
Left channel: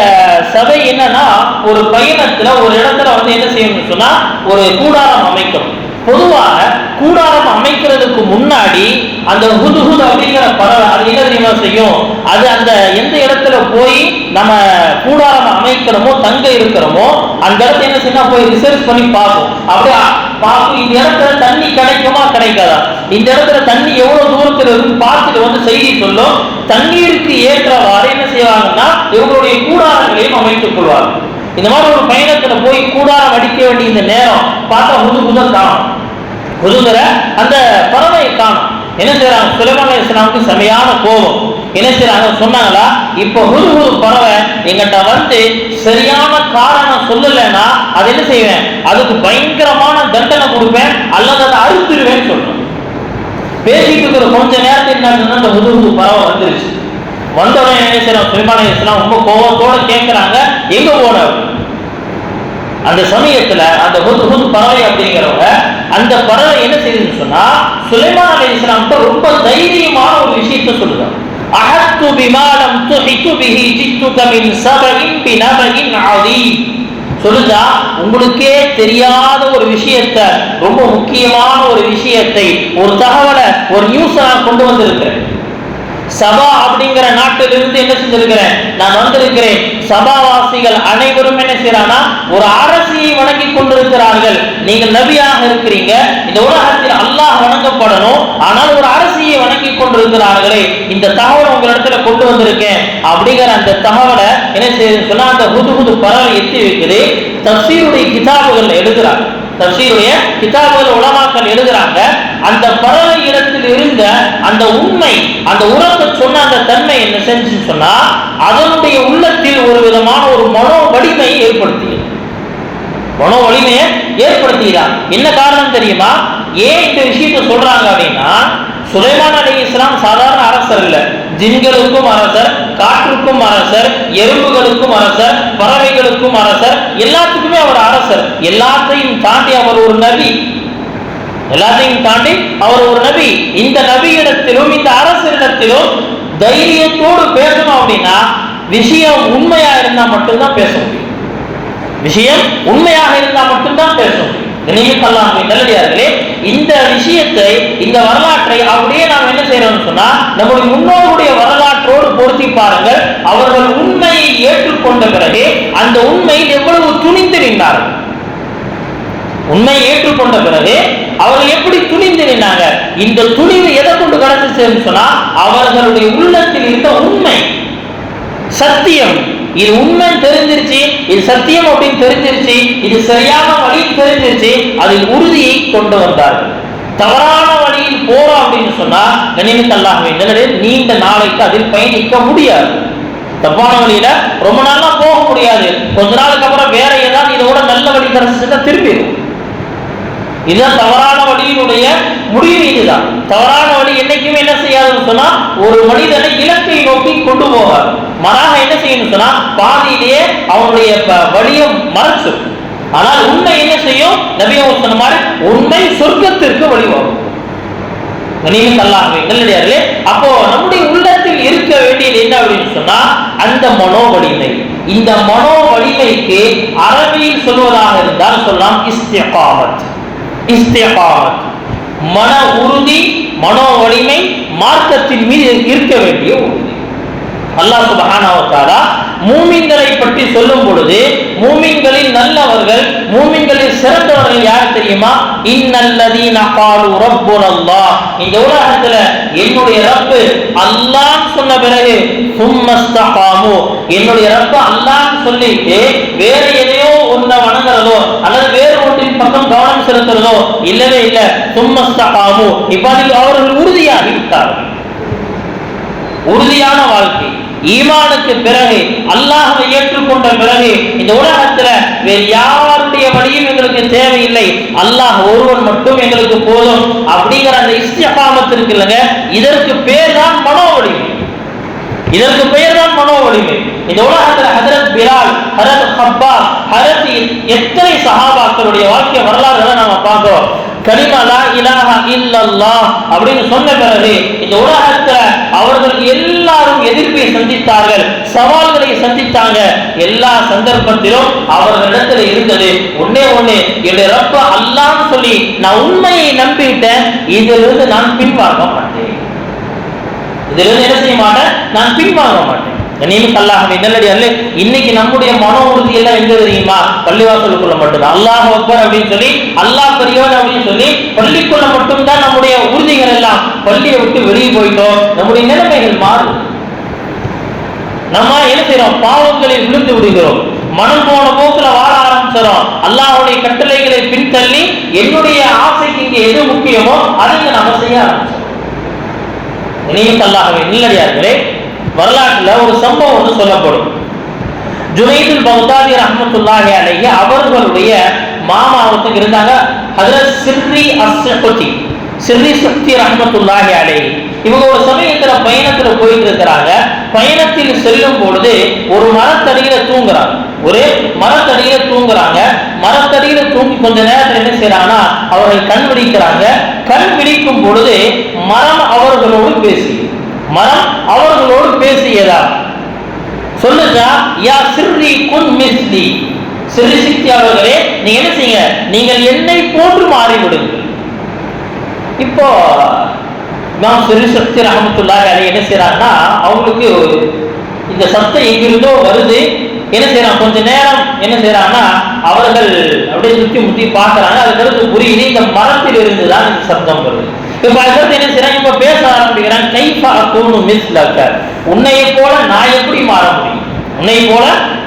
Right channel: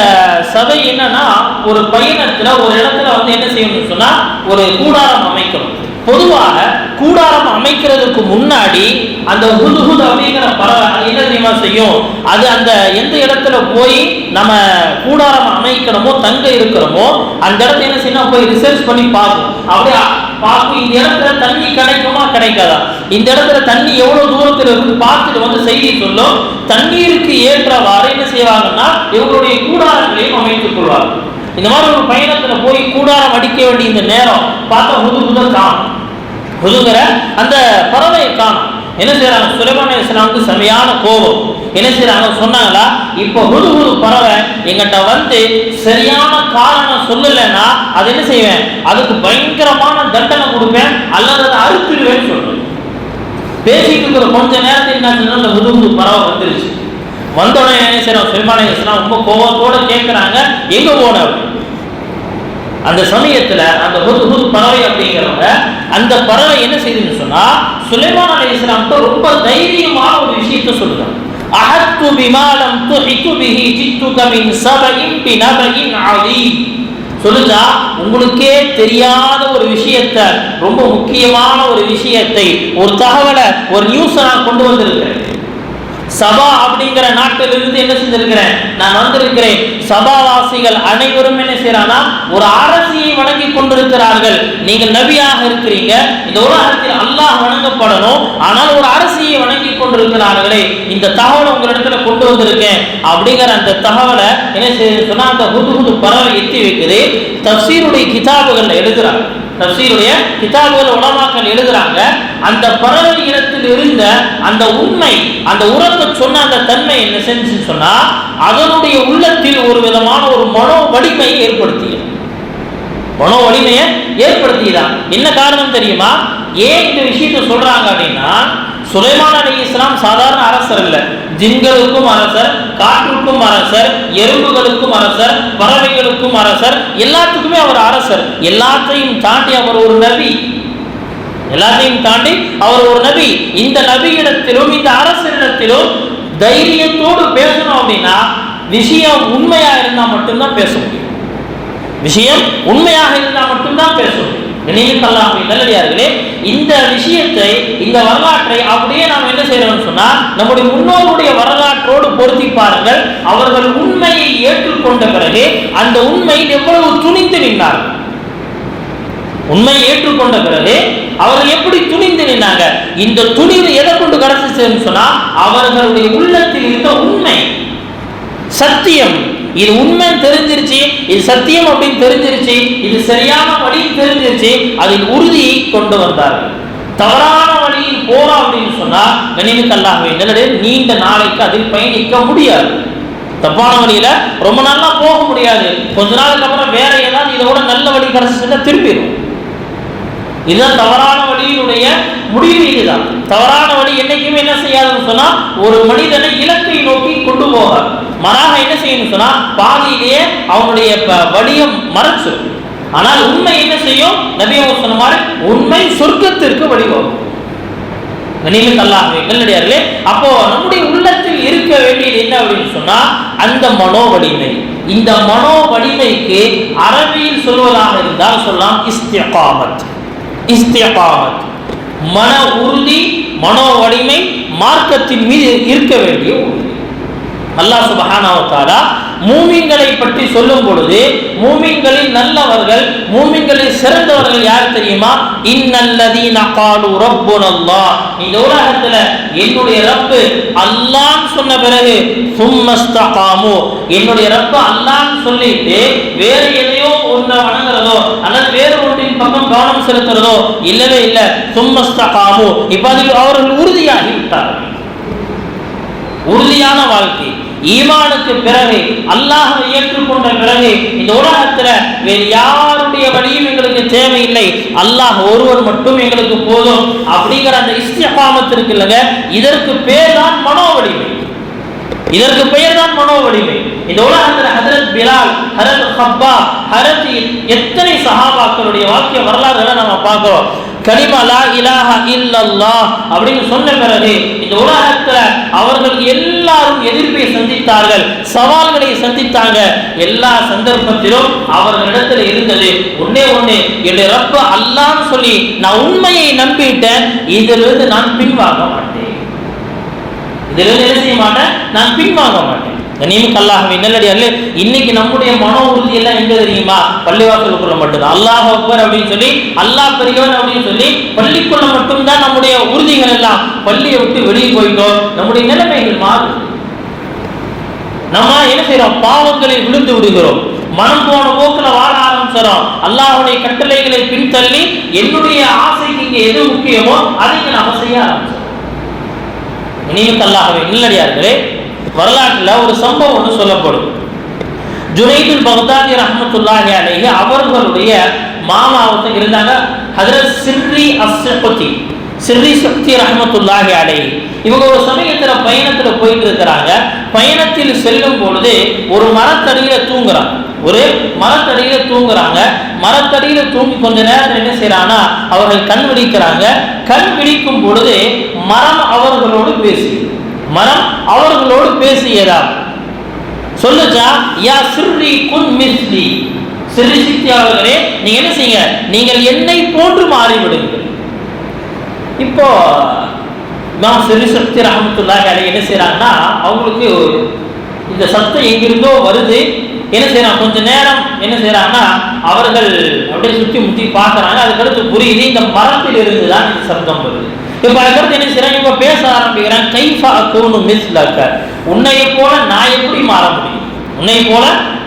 சபை என்னன்னா ஒரு பயணத்துல ஒரு இடத்துல என்ன செய்யணும்னு சொன்னா ஒரு கூடாரம் அமைக்கணும். பொதுவாக கூடாரம் அமைக்கிறதுக்கு முன்னாடி அந்த ஹுதுஹுத் அப்படிங்கிற பறவை அது என்ன தெரியுமா செய்யும்? அது அந்த எந்த இடத்துல போய் நம்ம கூடாரம் அமைக்கிறோமோ தங்க இருக்கிறோமோ அந்த இடத்துல என்ன செய்யணும், போய் ரிசர்ச் பண்ணி பார்க்கும். அப்படியே பார்க்கும், இந்த இடத்துல தண்ணி கிடைக்குமா கிடைக்காதா, இந்த இடத்துல தண்ணி எவ்வளவு தூரத்தில் இருக்குன்னு பார்த்துட்டு செய்தி சொல்லும். தண்ணீருக்கு ஏற்றவாறு என்ன செய்வாங்கன்னா இவங்களுடைய கூடாரங்களையும் அமைத்துக் கொள்வார்கள். இந்த மாதிரி ஒரு பயணத்துல போய் கூடாரம் அடிக்க வேண்டிய இந்த நேரம் பார்த்தா ஹுதுஹுத காணும், ஹுதுஹுத அந்த பறவை காணும். என்ன செய்யறாங்க? சுலைமான் அலைஹிஸ்ஸலாமுக்கு செமையான கோபம். என்ன செய்யறாங்க? சொன்னாங்களா, இப்போ ஹுதுஹுது பறவை எங்கிட்ட சரியான காரணம் சொல்லலைன்னா அது என்ன செய்வேன், அதுக்கு பயங்கரமான தண்டனை கொடுப்பேன் அல்லது அதை அறுத்துடுவேன்னு சொல்றேன். பேசிட்டு இருக்கிற கொஞ்ச நேரத்தில் என்ன அந்த ஹுதுஹுது பறவை வந்துருச்சு. வந்தோடனே என்ன செய்யறாங்க? சுலைமான் அலைஹிஸ்ஸலாம் ரொம்ப கோபத்தோட கேட்கிறாங்க, எங்க போன? அந்த சமயத்துல அந்த ஹுதுஹுத் பறவை அப்படிங்கிறவங்க அந்த பறவை என்ன செய்யுதுன்னு சொன்னா சுலைமான் அலைஹிஸ்ஸலாம் ரொம்ப தைரியமான ஒரு விஷயத்தை சொல்லுறாங்க. அஹத்து பிமா லம் துஹிது பிஹி ஜித்துக மின் சபஇன் பினபஇன் அதீம். சொல்லுதா, உங்களுக்கே தெரியாத ஒரு விஷயத்தை, ரொம்ப முக்கியமான ஒரு விஷயத்தை, ஒரு தகவலை, ஒரு நியூஸை நான் கொண்டு வந்திருக்கிறேன். சபா அப்படிங்கிற நாட்டிலிருந்து என்ன செஞ்சிருக்கிறேன், நான் வந்திருக்கிறேன். சபாவாசிகள் அனைவரும் என்ன செய்யறானா ஒரு அரசியை வணங்கி கொண்டிருக்கிறார்கள். நீங்கள் நபியாக இருக்கிறீங்க, இந்த உலகத்தில் அல்லாஹ் வணங்கப்படணும், ஆனால் ஒரு அரசியை வணங்கி கொண்டிருக்கிறார்களே, இந்த தகவலை உங்களிடத்துல கொண்டு வந்திருக்கேன் அப்படிங்கிற அந்த தகவலை என்ன செய்யுது சொன்னா அந்த ஹுதுஹுது பறவை எத்தி வைக்குது. தஃசீருடைய கிதாபுகள் எழுதுறாங்க, தஃசீருடைய கிதாபுகள் உலமாக்கள் எழுதுறாங்க. அந்த பறவை இடத்தில் இருந்த அந்த உண்மை, அந்த உரத்தை சொன்ன அந்த தன்மை என்ன செஞ்சுன்னு சொன்னா அதனுடைய உள்ளத்தில் ஒரு விதமான ஒரு மனோ வலிமையை ஏற்படுத்தியது. மனோ வலிமையை ஏற்படுத்தியதான். என்ன காரணம் தெரியுமா? ஏன் இந்த விஷயத்தை சொல்றாங்க அப்படின்னா, சுலைமான் அலைஹிஸ்ஸலாம் சாதாரண அரசர் இல்ல, ஜின்களுக்கும் அரசர், காற்றுக்கும் அரசர், எறும்புகளுக்கும் அரசர், பறவைகளுக்கும் அரசர், எல்லாத்துக்குமே அவர் அரசர். எல்லாத்தையும் தாண்டி அவர் ஒரு நபி, எல்லாத்தையும் தாண்டி அவர் ஒரு நபி. இந்த நபியிடத்திலும் இந்த அரசரிடத்திலும் தைரியத்தோடு பேசணும் அப்படின்னா விஷயம் உண்மையா இருந்தா மட்டும்தான் பேச முடியும். விஷயம் உண்மையாக இருந்தா மட்டும்தான் பேச முடியும். நல்லடியார்களே, இந்த விஷயத்தை, இந்த வரலாற்றை அப்படியே நாம் என்ன செய்யறோம்னு சொன்னா நம்முடைய முன்னோருடைய வரலாற்றோடு பொருத்தி பாருங்கள். அவர்கள் உண்மையை ஏற்றுக்கொண்ட பிறகு அந்த உண்மையில் எவ்வளவு துணிந்து நின்றார்கள். உண்மையை ஏற்றுக்கொண்ட பிறகு அவர்கள் எப்படி துணிந்து நின்றாங்க? இந்த துணிவு எதை கொண்டு கிடைச்சிச்சுன்னு சொன்னா அவர்களுடைய உள்ளத்தில் இருந்த உண்மை, சத்தியம், இது உண்மை தெரிஞ்சிருச்சு, இது சத்தியம் அப்படின்னு தெரிஞ்சிருச்சு, இது சரியான வழி தெரிஞ்சிருச்சு, அதில் உறுதியை கொண்டு வந்தார்கள். தவறான வழியில் போறோம் அப்படின்னு சொன்னா கண்ணியமிக்க அல்லாஹ்வே நீண்ட நாளைக்கு அதில் பயணிக்க முடியாது. தப்பான வழியில ரொம்ப நாளா போக முடியாது. கொஞ்ச நாளுக்கு அப்புறம் வேற ஏதாவது இதை விட நல்ல வழி கிடைச்சிருந்தா திரும்பிடும். இதுதான் தவறான வழியினுடைய முடிவு. இதுதான் தவறான வழி. என்னைக்குமே என்ன செய்யாதுன்னு சொன்னா ஒரு மனிதனை இலக்கை நோக்கி கொண்டு போகாது. மாறாக என்ன செய்யணும் சொன்னா பாதியிலேயே அவனுடைய வழியை மறைச்சு. ஆனால் உண்மை என்ன செய்யும்? நபி அவங்க சொன்ன மாதிரி உண்மை சொர்க்கத்திற்கு வழிவகும். நல்லடியார்களே, அப்போ நம்முடைய உள்ளத்தில் இருக்க வேண்டியது என்ன அப்படின்னு சொன்னா அந்த மனோ வலிமை. இந்த மனோ வலிமைக்கு அரபியில் சொல்வதாக இருந்தால் சொல்லலாம் இஸ்திகாமத். இஸ்திகாமத் மன உறுதி, மனோ வலிமை, மார்க்கத்தின் மீது இருக்க வேண்டிய உறுதி. அல்லாஹ் சுப்ஹானஹு வ தஆலா மூமின்களை பற்றி சொல்லும் பொழுது மூமின்களில் நல்லவர்கள், மூமின்களில் சிறந்தவர்கள் யார் தெரியுமா? இன்னல்லதீன காலு ரப்புனல்லாஹ். இந்த உலகத்துல என்னுடைய ரப்பு அல்லாஹ் சொன்ன பிறகு சும்மஸ்தகாமு, என்னுடைய ரப்பு அல்லாஹ் சொல்லிட்டு வேற எதையோ ஒன்றை வணங்குறதோ அல்லது வேறு ஒன்றின் பக்கம் கவனம் செலுத்துறதோ இல்லவே இல்லை. சும்மஸ்தகாமு, இப்ப அதில் அவர்கள் உறுதியாகி விட்டார்கள். உறுதியான வாழ்க்கை, ஈமானுக்கு பிறகு அல்லாஹ்வை ஏற்றுக்கொண்ட பிறகு இந்த உலகத்துல வேறு யாருடைய வழியும் எங்களுக்கு தேவையில்லை, அல்லாஹ் ஒருவர் மட்டும் எங்களுக்கு போதும் அப்படிங்கிற அந்த இஸ்திகாமத் இருக்கு இல்லைங்க, இதற்கு பேர் தான் மனோ வலிமை. இதற்கு பெயர் தான் மனோ வலிமை. இந்த உலகத்துல ஹஜரத் பிலால், ஹஜரத் ஹப்பாப், ஹஜரத் எத்தனை சஹாபாக்களுடைய வாழ்க்கை வரலாறுகளை நாம பார்க்கிறோம். கலிமா லா இலாஹா இல்லல்லாஹ் அப்படின்னு சொன்ன பிறகு இந்த உலகத்துல அவர்கள் எல்லாரும் எதிர்ப்பை சந்தித்தார்கள், சவால்களை சந்தித்தாங்க. எல்லா சந்தர்ப்பத்திலும் அவர்களிடத்துல இருந்தது ஒன்னே ஒண்ணு, என்னுடைய ரப்ப அல்லாஹ்னு சொல்லி நான் உண்மையை நம்பிட்டேன், இதிலிருந்து நான் பின்வாங்க மாட்டேன். இதிலிருந்து என்ன செய்ய மாட்டேன்? நான் பின்வாங்க மாட்டேன். இன்னைக்கு நம்முடைய மன உறுதி எல்லாம் எங்க தெரியுமா? பள்ளிவாசலுக்குள்ள மட்டும்தான். அல்லாஹ் அக்பர் அப்படின்னு சொல்லி, அல்லாஹ் பெரியவன் அப்படின்னு சொல்லி பள்ளிக்குள்ள மட்டும்தான் நம்முடைய உறுதிகள் எல்லாம். பள்ளியை விட்டு வெளியே போயிட்டோம், நம்முடைய நிலைமைகள் மாறும். நம்ம என்ன செய்யறோம்? பாவங்களில் விழுந்து விடுகிறோம், மனம் போன போக்குல வாழ ஆரம்பிச்சிடும். அல்லாஹ்வுடைய கட்டளைகளை பின்தள்ளி என்னுடைய ஆசைக்கு இங்க எது முக்கியமோ அதை நாம செய்ய ஆரம்பிச்சிடும். இல்லடியார்களே, வரலாற்றுல ஒரு சம்பவம் ஒன்று சொல்லப்படும். ஜுனைதுல் பக்தாதி ரஹ்மத்துல்லாஹி அலைஹி அவர்களுடைய மாமாவுக்கு இருந்தாங்க ஹஜ்ரத் சிர்ரி அஸ்ஸக்தி, சிர்ரி சக்தி ரஹ்மத்துல்லாஹி அலைஹி. இவங்க ஒரு சமயத்துல பயணத்துல போயிட்டு இருக்கிறாங்க. பயணத்தில் செல்லும் பொழுது ஒரு மரத்தடியில தூங்குறாங்க. ஒரு மரத்தடியில தூங்குறாங்க. மரத்தடியில தூங்கி கொஞ்ச நேரத்தில் என்ன செய்யறாங்கன்னா அவர்கள் கண் விழிக்கிறாங்க. கண் விழிக்கும் பொழுது மரம் அவர்களோடு பேசியதா சொல்லுச்சா, யா சிர்ரி குன் மிஸ்லி, சிர்ரி சித்தி அவர்களே நீங்க என்ன செய்யுங்க, நீங்கள் என்னை போன்று மாறிவிடுங்கள். இப்போ இமாம் சிர்ரி சக்தி ரஹ்மத்துல்லாஹி அலைஹி என்ன செய்யறாங்கன்னா அவங்களுக்கு இந்த சத்தம் எங்கிருந்தோ வருது. என்ன செய்யறாங்க, கொஞ்ச நேரம் என்ன செய்யறாங்கன்னா அவர்கள் அப்படியே சுத்தி முத்தி பார்க்கறாங்க. அதுக்கடுத்து புரியுது இந்த மரத்தில் இருந்துதான் இந்த சத்தம் வருது. இப்ப அதுக்கடுத்து என்ன செய்யறாங்க, இப்ப பேச ஆரம்பிக்கிறாங்க. கைஃபா அகூனு மிஸ்லக, உன்னையை போல நான் எப்படி மாற முடியும், உன்னை போல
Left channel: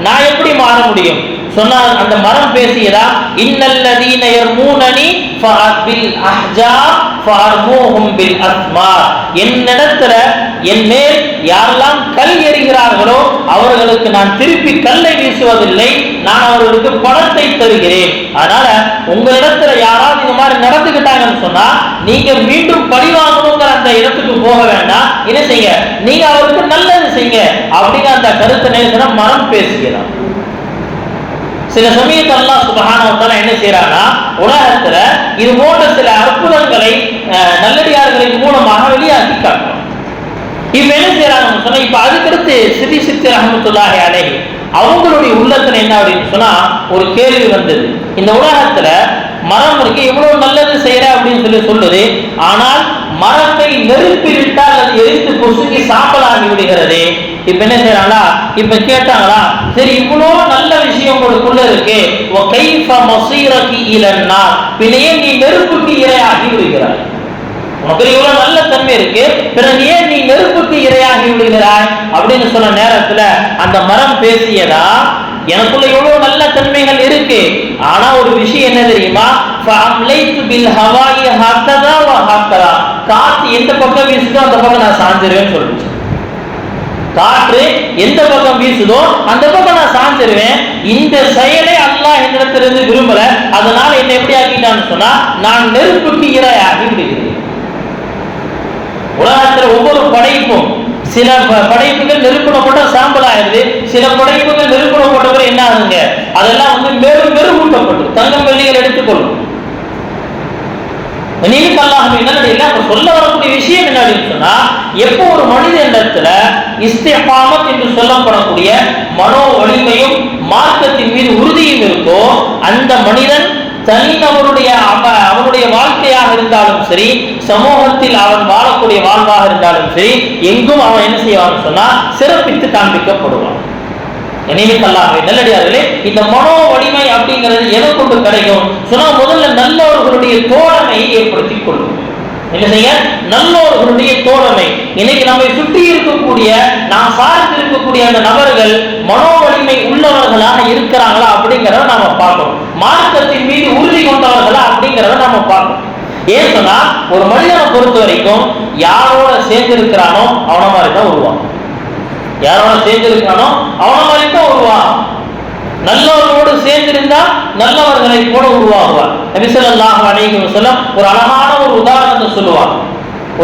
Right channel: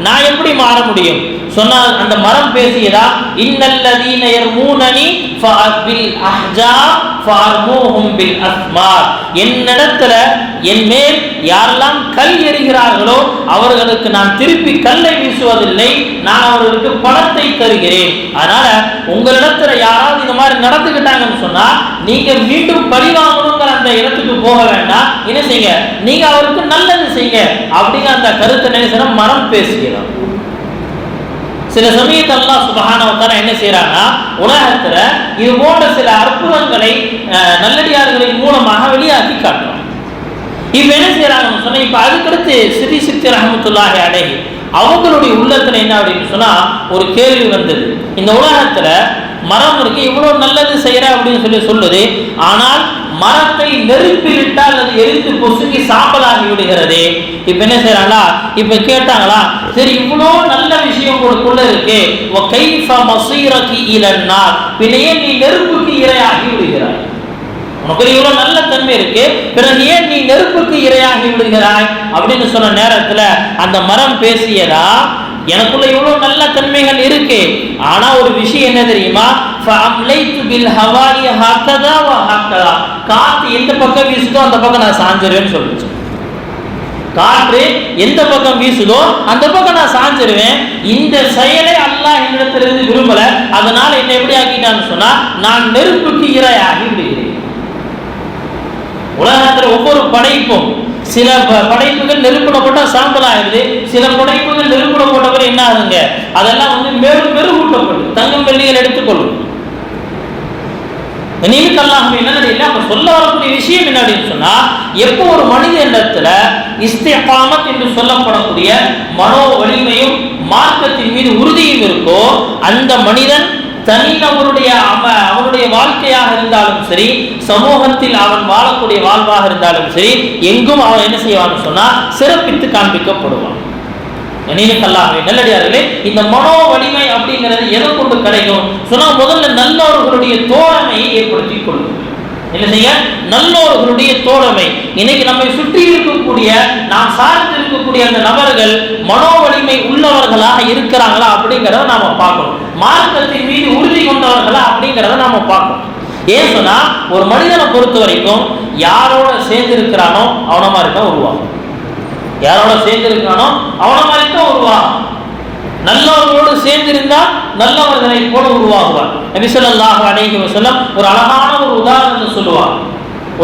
நான் எப்படி மாற முடியும் சொன்னால் அந்த மரம் பேசியதா, இன்னல்லதீன யர்மூனனி ஃபஅபில் அஹ்ஜா ஃபஅர்மூஹும் பில் அஸ்மார், என்னிடத்துல என் மேல் யாரெல்லாம் கல் எறிகிறார்களோ அவர்களுக்கு நான் திருப்பி கல்லை வீசுவதில்லை, நான் அவர்களுக்கு பணத்தை தருகிறேன். அதனால உங்களிடத்துல யாராவது இந்த மாதிரி நடந்துக்கிட்டாங்கன்னு சொன்னா நீங்க மீண்டும் பழிவாங்கணுங்கிற அந்த இடத்துக்கு போக வேண்டாம். என்ன செய்யுங்க, நீங்க அவருக்கு நல்லது செய்யுங்க அப்படிங்கிற அந்த கருத்தை நினைச்சா மரம் பேசுகிறான். சில சமயத்தில் அல்லாஹ் சுப்ஹானஹு வ தஆலா என்ன செய்யறானா உலகத்துல இது போன்ற சில அற்புதங்களை நல்லடியார்களின் மூலமாக வெளியாக்கி காட்டுறோம். இப்ப என்ன செய்யறாங்கன்னு சொன்னா, இப்ப அதுக்கடுத்து சித்தி சித்தி ரஹ்மத்துல்லாஹி அலைஹி அவங்களுடைய உள்ளத்துல என்ன அப்படின்னு சொன்னா ஒரு கேள்வி வந்தது. இந்த உலகத்துல மரம் இருக்கு, இவ்வளவு நல்லது செய்யற அப்படின்னு சொல்லுது, ஆனால் மரத்தை நெருப்பிலிட்டால் அது எரிந்து பொசுங்கி சாம்பலாகி விடுகிறது. இப்ப என்ன செய்யறாங்களா, இப்ப கேட்டாங்களா, சரி இவ்வளவு நல்ல விஷயம் உங்களுக்குள்ள இருக்கு, பின்னையே நீ நெருப்புக்கு இரையாகி விடுகிறாய், உனக்கு இவ்வளவு நல்ல தன்மை இருக்கு, பிறகு ஏன் நீ நெருப்புக்கு இரையாகி விடுகிறாய் அப்படின்னு சொன்ன நேரத்துல அந்த மரம் பேசியதா, எனக்குள்ள இவ்வளவு நல்ல தன்மைகள் இருக்கு, ஆனா ஒரு விஷயம் என்ன தெரியுமா, காத்து எந்த பக்கம் வீசுதோ அந்த பக்கம் நான் சாஞ்சிருவேன்னு சொல்லிச்சு. காற்று எந்த பக்கம் வீசுதோ அந்த பக்கம் நான் சாஞ்சிருவேன். இந்த செயலை அல்லாஹ் என்னிடத்திலிருந்து விரும்பல, அதனால என்ன எப்படி ஆக்கிட்டான்னு சொன்னா நான் நெருப்புக்கு இரையாகி விடுகிறேன். உலகத்துல ஒவ்வொரு படைப்பும், சில படைப்புகள் நெருப்புல போட்டா சாம்பல் ஆயிடுது, சில படைப்புகள் நெருப்புல போட்டவரை என்ன ஆகுங்க, அதெல்லாம் மேலும் மெருகூட்டப்பட்டு தங்கம் வெள்ளிகள் எடுத்துக்கொள்ளும். சொல்ல வரக்கூடிய விஷயம் என்ன அப்படின்னு சொன்னா, எப்போ ஒரு மனிதனிடத்துல இஸ்திகாமத் என்று சொல்லப்படக்கூடிய மனோ வலிமையும் மார்க்கத்தின் மீது உறுதியும் இருக்கோ, அந்த மனிதன் தனிநபருடைய அவனுடைய வாழ்க்கையாக இருந்தாலும் சரி, சமூகத்தில் அவன் வாழக்கூடிய வாழ்வாக இருந்தாலும் சரி, எங்கும் அவன் என்ன செய்வான்னு சொன்னா சிறப்பித்து காண்பிக்கப்படுவான். நல்லடியார்களே, இந்த மனோ வலிமை அப்படிங்கிறது எதை கொண்டு கிடைக்கும் சொன்னா, முதல்ல நல்லவர்களுடைய தோழமை ஏற்படுத்திக் கொள்ளும். என்ன செய்ய, நல்லவர்களுடைய தோழமை. இன்னைக்கு நம்மை சுற்றி இருக்கக்கூடிய, நாம் சார்ந்து இருக்கக்கூடிய அந்த நபர்கள் மனோ வலிமை உள்ளவர்களாக இருக்கிறாங்களா அப்படிங்கிறத நாம பார்க்கணும். மார்க்கத்தின் மீது உறுதி கொண்டவர்களா அப்படிங்கிறத நாம பார்க்கணும். ஏன் சொன்னா, ஒரு மனிதனை பொறுத்த வரைக்கும் யாரோட சேர்ந்து இருக்கிறானோ அவன மாதிரி தான் உருவாகும். யாரோட சேர்ந்து இருக்கிறானோ அவன மாதிரி தான் உருவாகும். நல்லவர்களோடு சேர்ந்திருந்தா நல்லவர்களை போல உருவாகுவார். நபி ஸல்லல்லாஹு அலைஹி வஸல்லம் ஒரு அழகான ஒரு உதாரணத்தை சொல்லுவாங்க.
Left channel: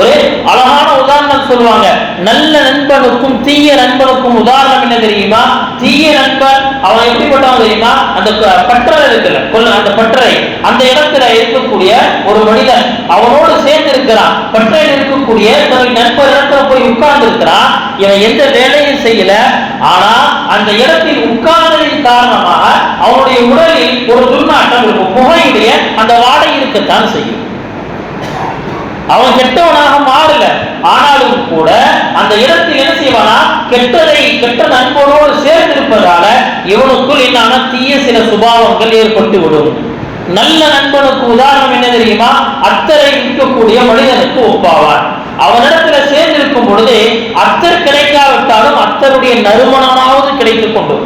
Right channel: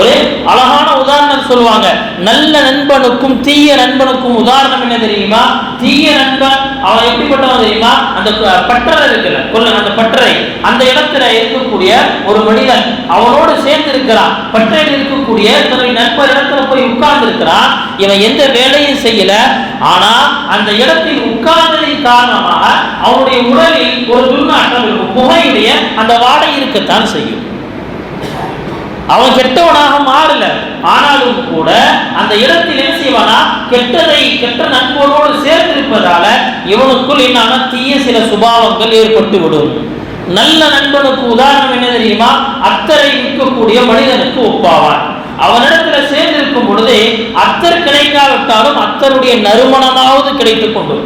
ஒரு அழகான உதாரணம் சொல்லுவாங்க. நல்ல நண்பனுக்கும் தீய நண்பனுக்கும் உதாரணம் என்ன தெரியுமா? தீய நண்பன் அவன் எப்படிப்பட்டவன் தெரியுமா? அந்த பற்றரை இருக்குல்ல, அந்த பற்றரை அந்த இடத்துல இருக்கக்கூடிய ஒரு மனிதன் அவனோடு சேர்ந்து இருக்கிறான். பற்றையில் இருக்கக்கூடிய தன்னுடைய நண்பர் இடத்துல போய் உட்கார்ந்து இருக்கிறான். இவன் எந்த வேலையும் செய்யல, ஆனா அந்த இடத்தில் உட்கார்ந்ததின் காரணமாக அவனுடைய உடலில் ஒரு துர்நாற்றம் இருக்கும். புகையுடைய அந்த வாடை இருக்கத்தான் செய்யும். அவன் கெட்டவனாக மாறல, ஆனாலும் கூட அந்த இடத்தில் என்ன செய்வானா, கெட்ட நண்பரோடு சேர்ந்திருப்பதால இவனுக்குள் என்ன தீய சில சுபாவங்கள் ஏற்பட்டு விடும். நல்ல நண்பனுக்கு உதாரணம் என்ன தெரியுமா? அத்தரை இருக்கக்கூடிய மனிதனுக்கு ஒப்பாவான். அவனிடத்துல சேர்ந்திருக்கும் பொழுது அத்தர் கிடைக்காவிட்டாலும் அத்தருடைய நறுமணமாவது கிடைத்துக் கொண்டு,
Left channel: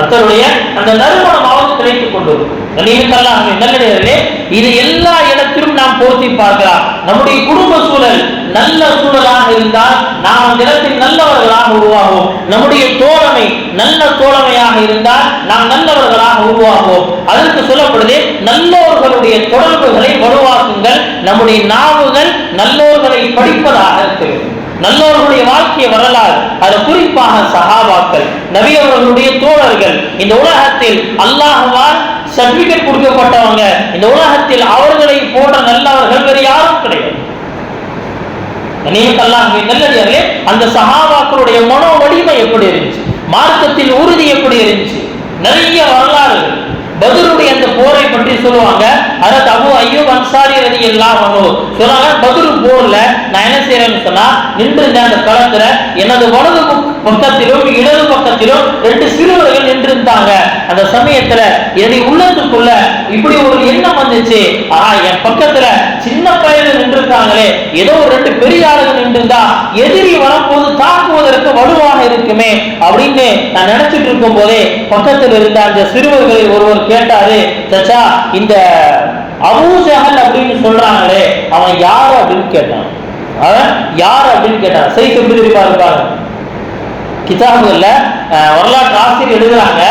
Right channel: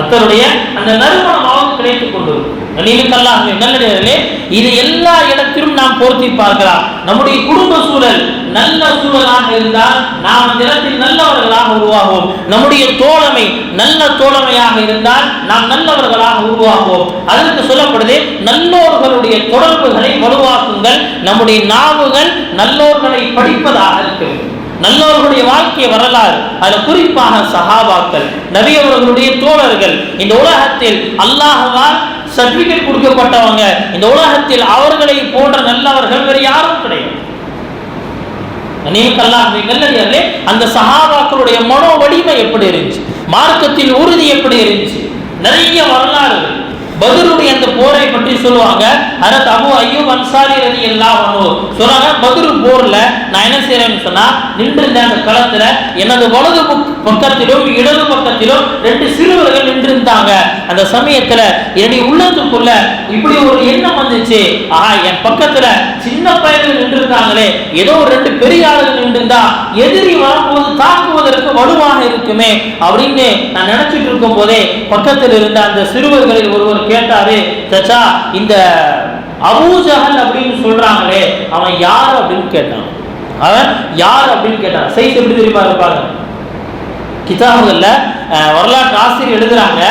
அத்தருடைய அந்த நறுமணமாவது கிடைத்துக் கொண்டு. நல்லடியார்களே, இது எல்லா இடத்திலும் நாம் பொருத்தி பார்க்கலாம். நம்முடைய குடும்ப சூழல் நல்ல சூழலாக இருந்தால் நாம் அந்த இடத்தில் நல்லவர்களாக உருவாகுவோம். நம்முடைய தோழமை நல்ல தோழமையாக இருந்தால் நாம் நல்லவர்களாக உருவாகுவோம். அதற்கு சொல்லப்படுது, நல்லோர்களுடைய தொடர்புகளை வலுவாக்குங்கள். நம்முடைய நாவுகள் நல்லோர்களை படிப்பதாக இருக்கு. நல்லவர்களுடைய வாழ்க்கை வரலாறு, அது குறிப்பாக சஹாபாக்கள், நபி அவர்களுடைய தோழர்கள், இந்த உலகத்தில் அல்லாஹ்வால் சர்டிபிகேட் கொடுக்கப்பட்டவங்க, இந்த உலகத்தில் அவர்களை போன்ற நல்லவர்கள் வேறு யாரும் கிடையாது. நல்லடியார்களே, அந்த சஹாபாக்களுடைய மனோ வலிமை எப்படி இருந்துச்சு, மார்க்கத்தின் உறுதி எப்படி இருந்துச்சு, நிறைய வரலாறுகள். பத்ருடைய அந்த போரை பற்றி சொல்லுவாங்க. ஹஜ்ரத் அபூ அய்யூப் அன்சாரி ரலியல்லாஹு அன்ஹு சொல்றாங்க, பத்ரு போர்ல நான் என்ன செய்யறேன்னு சொன்னா, நின்றிருந்த அந்த களத்துல எனது வலது பக்கத்திலும் இடது பக்கத்திலும் 2 சிறுவர்கள் நின்றிருந்தாங்க. அந்த சமயத்துல என்னுடைய உள்ளத்துக்குள்ள இப்படி ஒரு எண்ணம் வந்துச்சு, என் பக்கத்துல சின்ன பையன் நின்றிருக்காங்களே, ஏதோ ஒரு 2 பெரிய ஆளுகள் நின்றிருந்தா எதிரி வரும்போது தாக்குவதற்கு வலுவாக இருக்குமே அப்படின்னு நான் நினைச்சிட்டு இருக்கும் போதே பக்கத்தில் இருந்த அந்த சிறுவர்களில் ஒருவர் கேட்டாரு, சச்சா இந்த அபூ ஜஹல் அப்படின்னு சொல்றாங்களே அவன் யாரு அப்படின்னு கேட்டான். அவன் யாரு அப்படின்னு கேட்டான். சைஸ் எப்படி தெரியுமா இருப்பாங்க, கிதாபுகள்ல வரலாற்று ஆசிரியர் எழுதுறாங்க,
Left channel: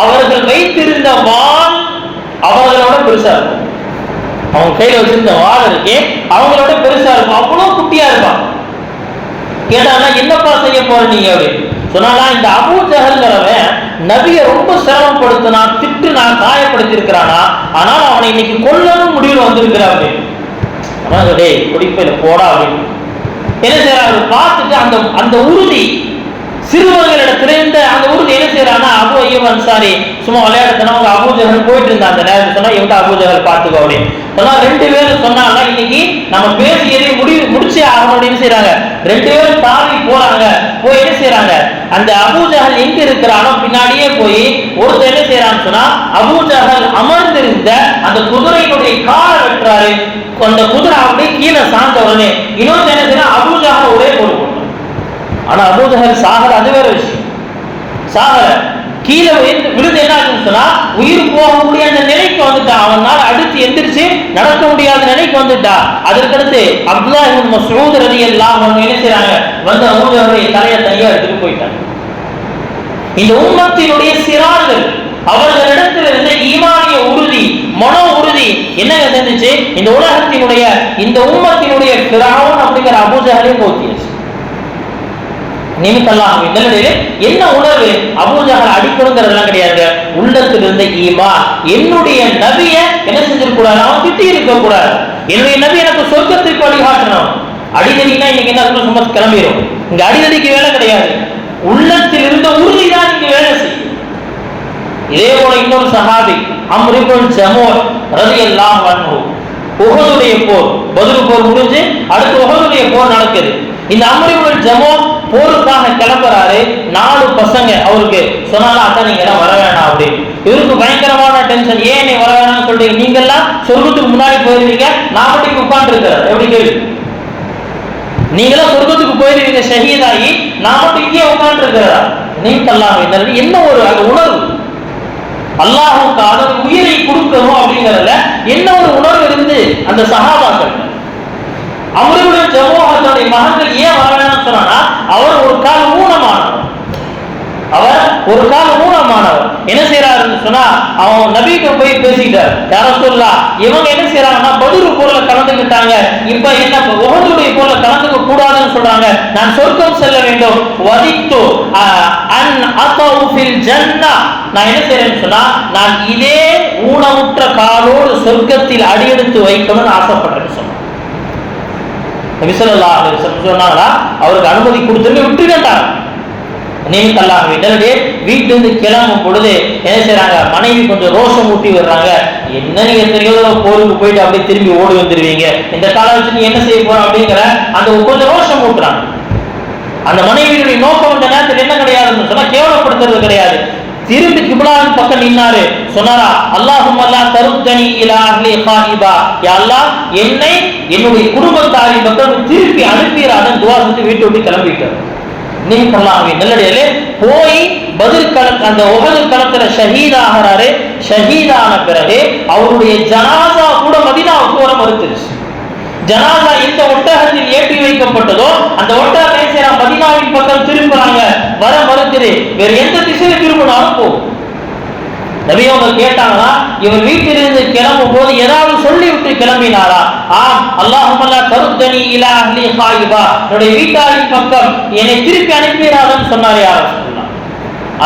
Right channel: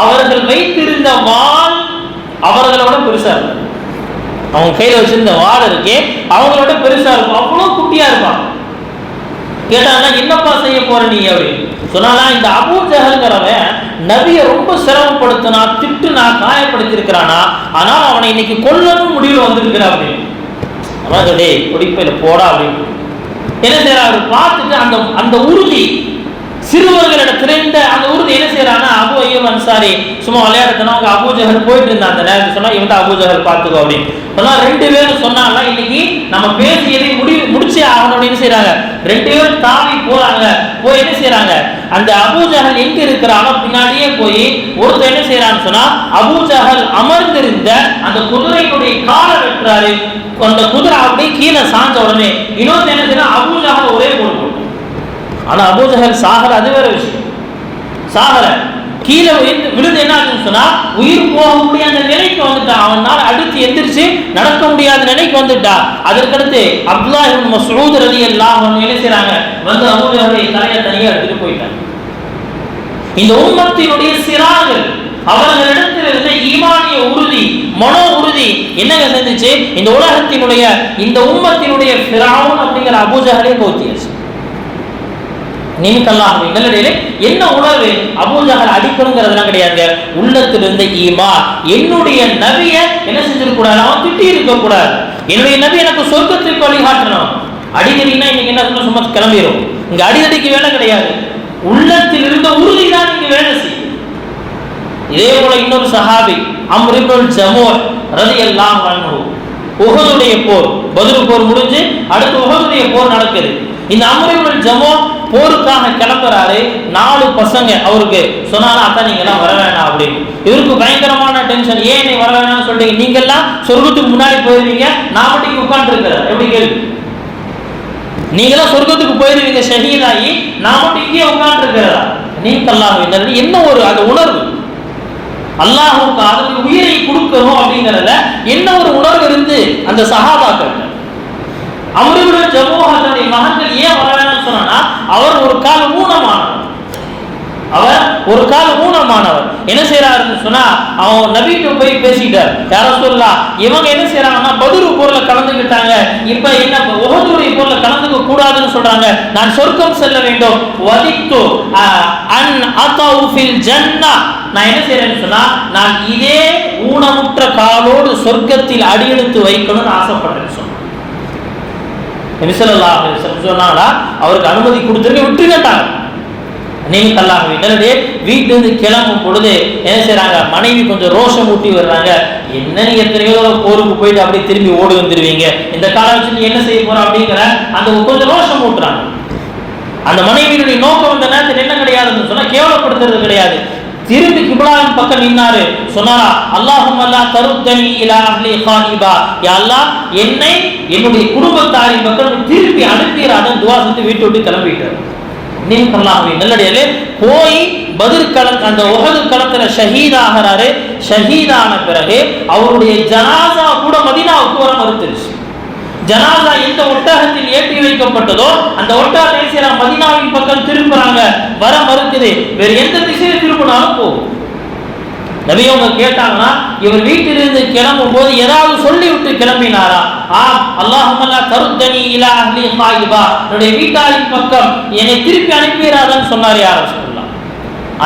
அவர்கள் வைத்திருந்த வாள் அவர்களோட பெருசா இருக்கும். அவங்க கையில வச்சிருந்த வாள் இருக்கே அவங்களோட பெருசா இருக்கும், அவ்வளவு குட்டியா இருப்பான். கேட்டாங்கன்னா என்னப்பா செய்ய போற நீங்க அப்படின்னு சொன்னா, இந்த அபூ ஜஹல்ங்கிறவன் நபியை ரொம்ப சிரமப்படுத்தினா, திட்டுனா, காயப்படுத்தி இருக்கிறானா, ஆனால் அவனை இன்னைக்கு கொல்லணும் முடிவில் வந்திருக்கிறா அப்படின்னு. கொடிப்பையில போடா அப்படின்னு என்ன செய்யறா, அவர் பார்த்துட்டு அந்த உறுதி சிறுவர்களிடத்திலிருந்து அந்த உறுதி என்ன செய்யறான்னா, அபு அய்யூப் அன்சாரி சும்மா விளையாடுறதுனா அவங்க அபூ ஜஹல் போயிட்டு இருந்தா அந்த நேரத்தில் சொன்னா, இவங்க அபூ ஜஹல் பார்த்துக்கோ அப்படின்னு சொன்னா, ரெண்டு பேரும் சொன்னாங்க இன்னைக்கு நம்ம பேசி எதையும் முடிச்சே ஆகணும் அப்படின்னு செய்யறாங்க. ரெண்டு பேரும் தாவி போறாங்க. போய் என்ன செய்யறாங்க, அந்த அபூ ஜஹல் எங்க இருக்கிறானோ பின்னாடியே போய் ஒருத்தர் என்ன செய்யறான்னு சொன்னா, அபூ ஜஹல் அமர்ந்திருந்த அந்த குதிரையுடைய காலை வெட்டுறாரு. அந்த குதிரை அப்படியே கீழே சாய்ந்த உடனே இன்னொரு என்ன செய்யறா, அபூ ஜஹல் ஒரே போடு. ஆனா அபூ ஜஹல் சாகர, அது வேற விஷயம். சாகர கீழே விழுந்து என்ன ஆகுன்னு சொன்னா, உயிர் போகக்கூடிய அந்த நிலைக்கு வந்துட்டா. அவனால் அடுத்து எந்திரிச்சு நடக்க முடியாத நிலைக்கு வந்துட்டா. அதற்கடுத்து அப்துல்லாஹ் இப்னு மஸ்ஊத் ரலியல்லாஹு அன்ஹு என்ன செய்றாங்க, வந்து அபூ ஜஹலுடைய தலையை தனியா எடுத்துட்டு போயிட்டாங்க. இந்த உம்மத்தினுடைய சிறார்கள் அவர்களிடத்தில் இருந்த ஈமானிய உறுதி, மனோ உறுதி என்னங்க செஞ்சுச்சு, இந்த உலகத்தினுடைய இந்த உம்மத்தினுடைய ஃபிரௌன் அப்படிங்கிற அபூ ஜஹலை போத்தியாச்சு. என்ன உணர்வு, அபூ ஜஹல் அடிக்கணுங்கிறதெல்லாம் கிடையாது. உள்ளத்தில் இருந்த ஈமான், என்னுடைய நபியை என்ன செஞ்சிருக்க கூடாது, அவன் திட்டி இருக்க கூடாது. என்னுடைய நபி எனக்கு சொர்க்கத்திற்கு வழிகாட்டணும். அடிதடினா இன்னைக்கு என்ன சும்மா கிளம்பிடும். இங்க அடிதடிக்கு வேலை கிடையாது, உள்ளத்தில் இருந்த உறுதிதான் நீங்க வேலை செய்யும். இதே போல இன்னொரு சஹாபி அம்ர் இப்னு ஜமூஹ் ரலியல்லாஹு அன்ஹு, உஹதுடைய போர், பத்ர் போர் முடிஞ்சு அடுத்து உஹதுடைய போர் நடக்குது. இந்த அம்ர் இப்னு ஜமூஹ் போருக்காக கிளம்புறாரு. 4 பசங்க அவருக்கு சொன்னாலும், அதான் நீங்க எல்லாம் வர வேணாம் அப்படின்னு. இவருக்கு பயங்கரமான டென்ஷன். ஏன் நீ வர வேணாம்னு சொல்றீங்க, நீங்க எல்லாம் சொர்க்கத்துக்கு முன்னாடி போயிருவீங்க, நான் மட்டும் உட்கார்ந்து இருக்கிறேன். எப்படி கேள்வி, நீங்களும் சொர்க்கத்துக்கு போயிருவீங்க ஷஹீதாயி, நான் மட்டும் இங்கே உட்கார்ந்து இருக்கிறதா? நீங்க அல்லாஹ் என்ன ஒரு அந்த உணர்வு, அல்லாஹ்வுக்கு அதன் உயிரை கொடுக்கணும் அப்படிங்கறதுல என்ன ஒரு உணர்வு இருந்து அந்த சஹாபாக்கள். அம்ர் இப்னு ஜமூஹ் தன்னுடைய மகன்கள் ஏன் வரவேணாம்னு சொன்னா, அவர் ஒரு கால ஊனமானவர். என்ன செய்யறாருன்னு சொன்னா, அவன் நபிகிட்ட போய் பேசிட்டார். யா ரசூலுல்லாஹ், இவங்க என்ன செய்யறாங்கன்னா பத்ர் போர்ல கலந்துக்கிட்டாங்க, இப்ப என்ன உஹதுடைய போர்ல கலந்துக்க கூடாதுன்னு சொல்றாங்க. நான் சொர்க்கம் செல்ல வேண்டும். வதித்து அன் அதவு ஃபில் ஜன்னah, நான் என்ன செய்யறேன்னு சொன்னா, நான் இதே ஊனமுற்ற காலோடு சொர்க்கத்தில் அடியெடுத்து வைக்கணும்னு ஆசைப்படுறேன்னு சொன்னாங்க. நபி ஸல்லல்லாஹு அலைஹி வஸல்லம் சொன்னாங்களா, அவருக்கு அனுமதி கொடுத்துருங்க, விட்டுட்டாங்க. நீங்க அல்லாஹ் விடலே வீட்டிலிருந்து கிளம்பும் பொழுது என்ன செய்றாங்க, மனைவி கொஞ்சம் ரோஷம் ஊட்டி வர்றாங்க. என்ன நீங்க எத்தனையோ தடவை போருக்கு போயிட்டு அப்படியே திரும்பி ஓடி வந்துருவீங்க, இந்த காலம் வச்சு நீ என்ன செய்ய போற அப்படிங்கிற அந்த கொஞ்சம் ரோஷம் ஊட்டுறாங்க. அந்த மனைவியுடைய நோக்கம் இந்த நேரத்தில் என்ன கிடையாதுன்னு சொன்னா, கேவலப்படுத்துறது கிடையாது. திரும்பி கிப்லாவின் பக்கம் நின்னாரு. சொன்னாரா, அல்லாஹும்ம லா தருத்தனி இலா அஹ்லி காயிபா, யா அல்லாஹ் என்னை என்னுடைய குடும்பத்தாரின் பக்கம் திருப்பி அனுப்பிறான்னு துஆ செஞ்சு வீட்டை விட்டு கிளம்பிட்டார். நீங்க அல்லாஹ்வே நல்லடியாலே போய் பத்ர் களம் அந்த உஹது களத்துல ஷஹீத் ஆகிறாரு. ஷஹீதான பிறகு அவருடைய ஜனாஸா கூட மதீனாவுக்கு வர மறுத்துருச்சு. ஜனாஸா எந்த ஒட்டகத்தில் ஏற்றி வைக்கப்பட்டதோ அந்த ஒட்டகத்தை மதீனாவின் பக்கம் திரும்புறாங்க, வர மறுக்குது. வேற எந்த திசையில திரும்பினாலும் போகும். நபி அவங்க கேட்டாங்கன்னா, இவர் வீட்டிலிருந்து கிளம்பும் போது ஏதாவது சொல்லி விட்டு கிளம்பினாரா? ஆம், அல்லாஹும்ம லா தருத்தனி இலா அஹ்லி காயிபா, என்னுடைய வீட்டாரின் பக்கம் என்னை திருப்பி அனுப்பிடாதன்னு சொன்னார். யா ரசூலுல்லாஹ்,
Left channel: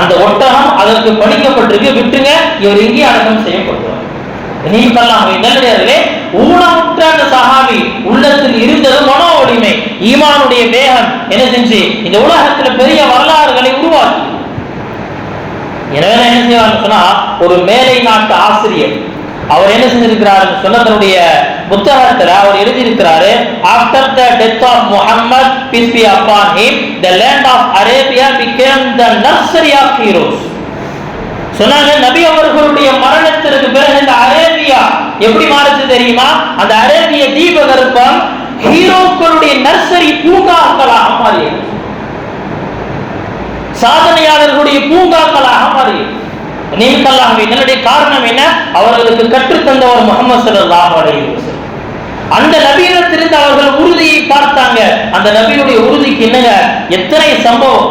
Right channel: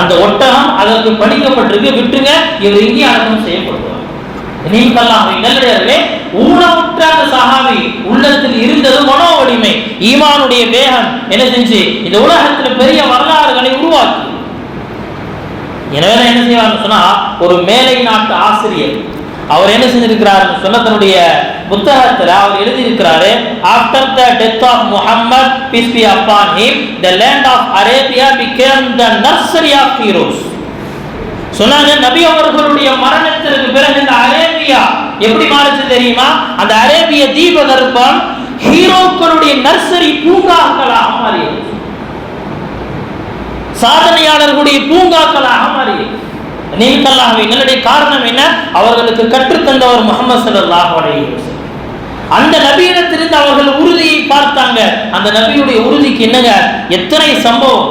அந்த ஒட்டகம் அதற்கு படிக்கப்பட்டிருக்கு, விட்டுங்க, இவர் இங்கே அடக்கம் செய்யப்படுவார். நீங்க நல்லடியார்களே, ஊனமுற்ற அந்த சஹாபி உள்ளத்தில் இருந்தது மனோ வலிமை, ஈமானுடைய வேகம் என்ன செஞ்சு இந்த உலகத்துல பெரிய வரலாறுகளை உருவாக்கி. எனவே என்ன செய்வார்னு சொன்னா, ஒரு மேலை நாட்டு ஆசிரியர் அவர் என்ன செஞ்சிருக்கிறார் சொன்ன தன்னுடைய புத்தகத்துல அவர் எழுதியிருக்கிறாரு, after the death of Muhammad peace be upon him the land of Arabia became the nursery of heroes. சொன்னாங்க, நபி அவர்களுடைய மரணத்திற்கு பிறகு இந்த அரேபியா எப்படி மாறுச்சு தெரியுமா? அந்த அரேபிய தீபகற்பம் ஹீரோக்களுடைய நர்சரி பூங்காக்களாக மாறியது, சாதனையாளர்களுடைய பூங்காக்களாக மாறியது. நல்லடைய காரணம் என்ன? அவர்களுக்கு கற்றுத்தந்தவர் முஹம்மது ஸல்லல்லாஹு அலைஹி வஸல்லம். அந்த நபியிடத்திலிருந்து அவர்கள் உறுதியை பார்த்தாங்க. அந்த நபியுடைய உறுதிக்கு என்னங்க எத்தனை சம்பவம்.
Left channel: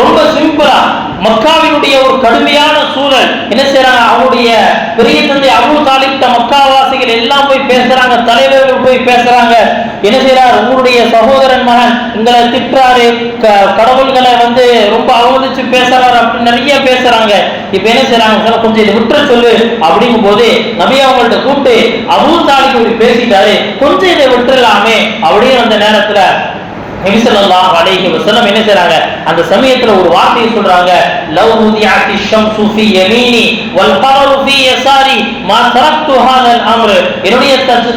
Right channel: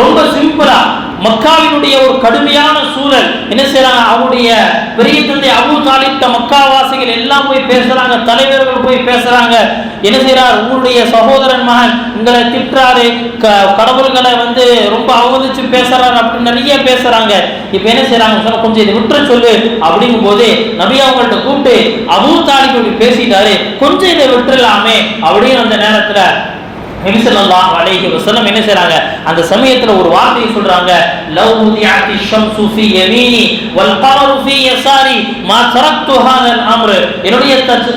ரொம்ப சிம்பிளா, மக்காவினுடைய ஒரு கடுமையான சூழல் என்ன செய்யறாங்க, அவருடைய பெரிய தந்தை அபூ தாலிப் மக்காவாசிகள் எல்லாம் போய் பேசுறாங்க, தலைவர்கள் போய் பேசுறாங்க. என்ன செய்யறாரு, உங்களுடைய சகோதரன் மகன் உங்களை திட்டுறாரு, கடவுள்களை ரொம்ப அவமதிச்சு பேசுறாரு அப்படின்னு நிறைய பேசுறாங்க. இப்ப என்ன செய்யறாங்க, கொஞ்சம் இதை விட்டுற சொல்லு அப்படிங்கும் போது நபி அவங்கள்ட்ட கூப்பிட்டு அபூ தாலிப் இப்படி பேசிட்டாரு, கொஞ்சம் இதை விட்டுறலாமே அப்படின்னு அந்த நேரத்துல நபி ஸல்லல்லாஹு அலைஹி வஸல்லம் என்ன செய்றாங்க, அந்த சமயத்துல ஒரு வார்த்தையை சொல்றாங்க, லவ் உதியத்தி ஷம்சு ஃபீ யமீனி வல் கமரு ஃபீ யஸாரி மா தரக்து ஹாதல் அம்ர். என்னுடைய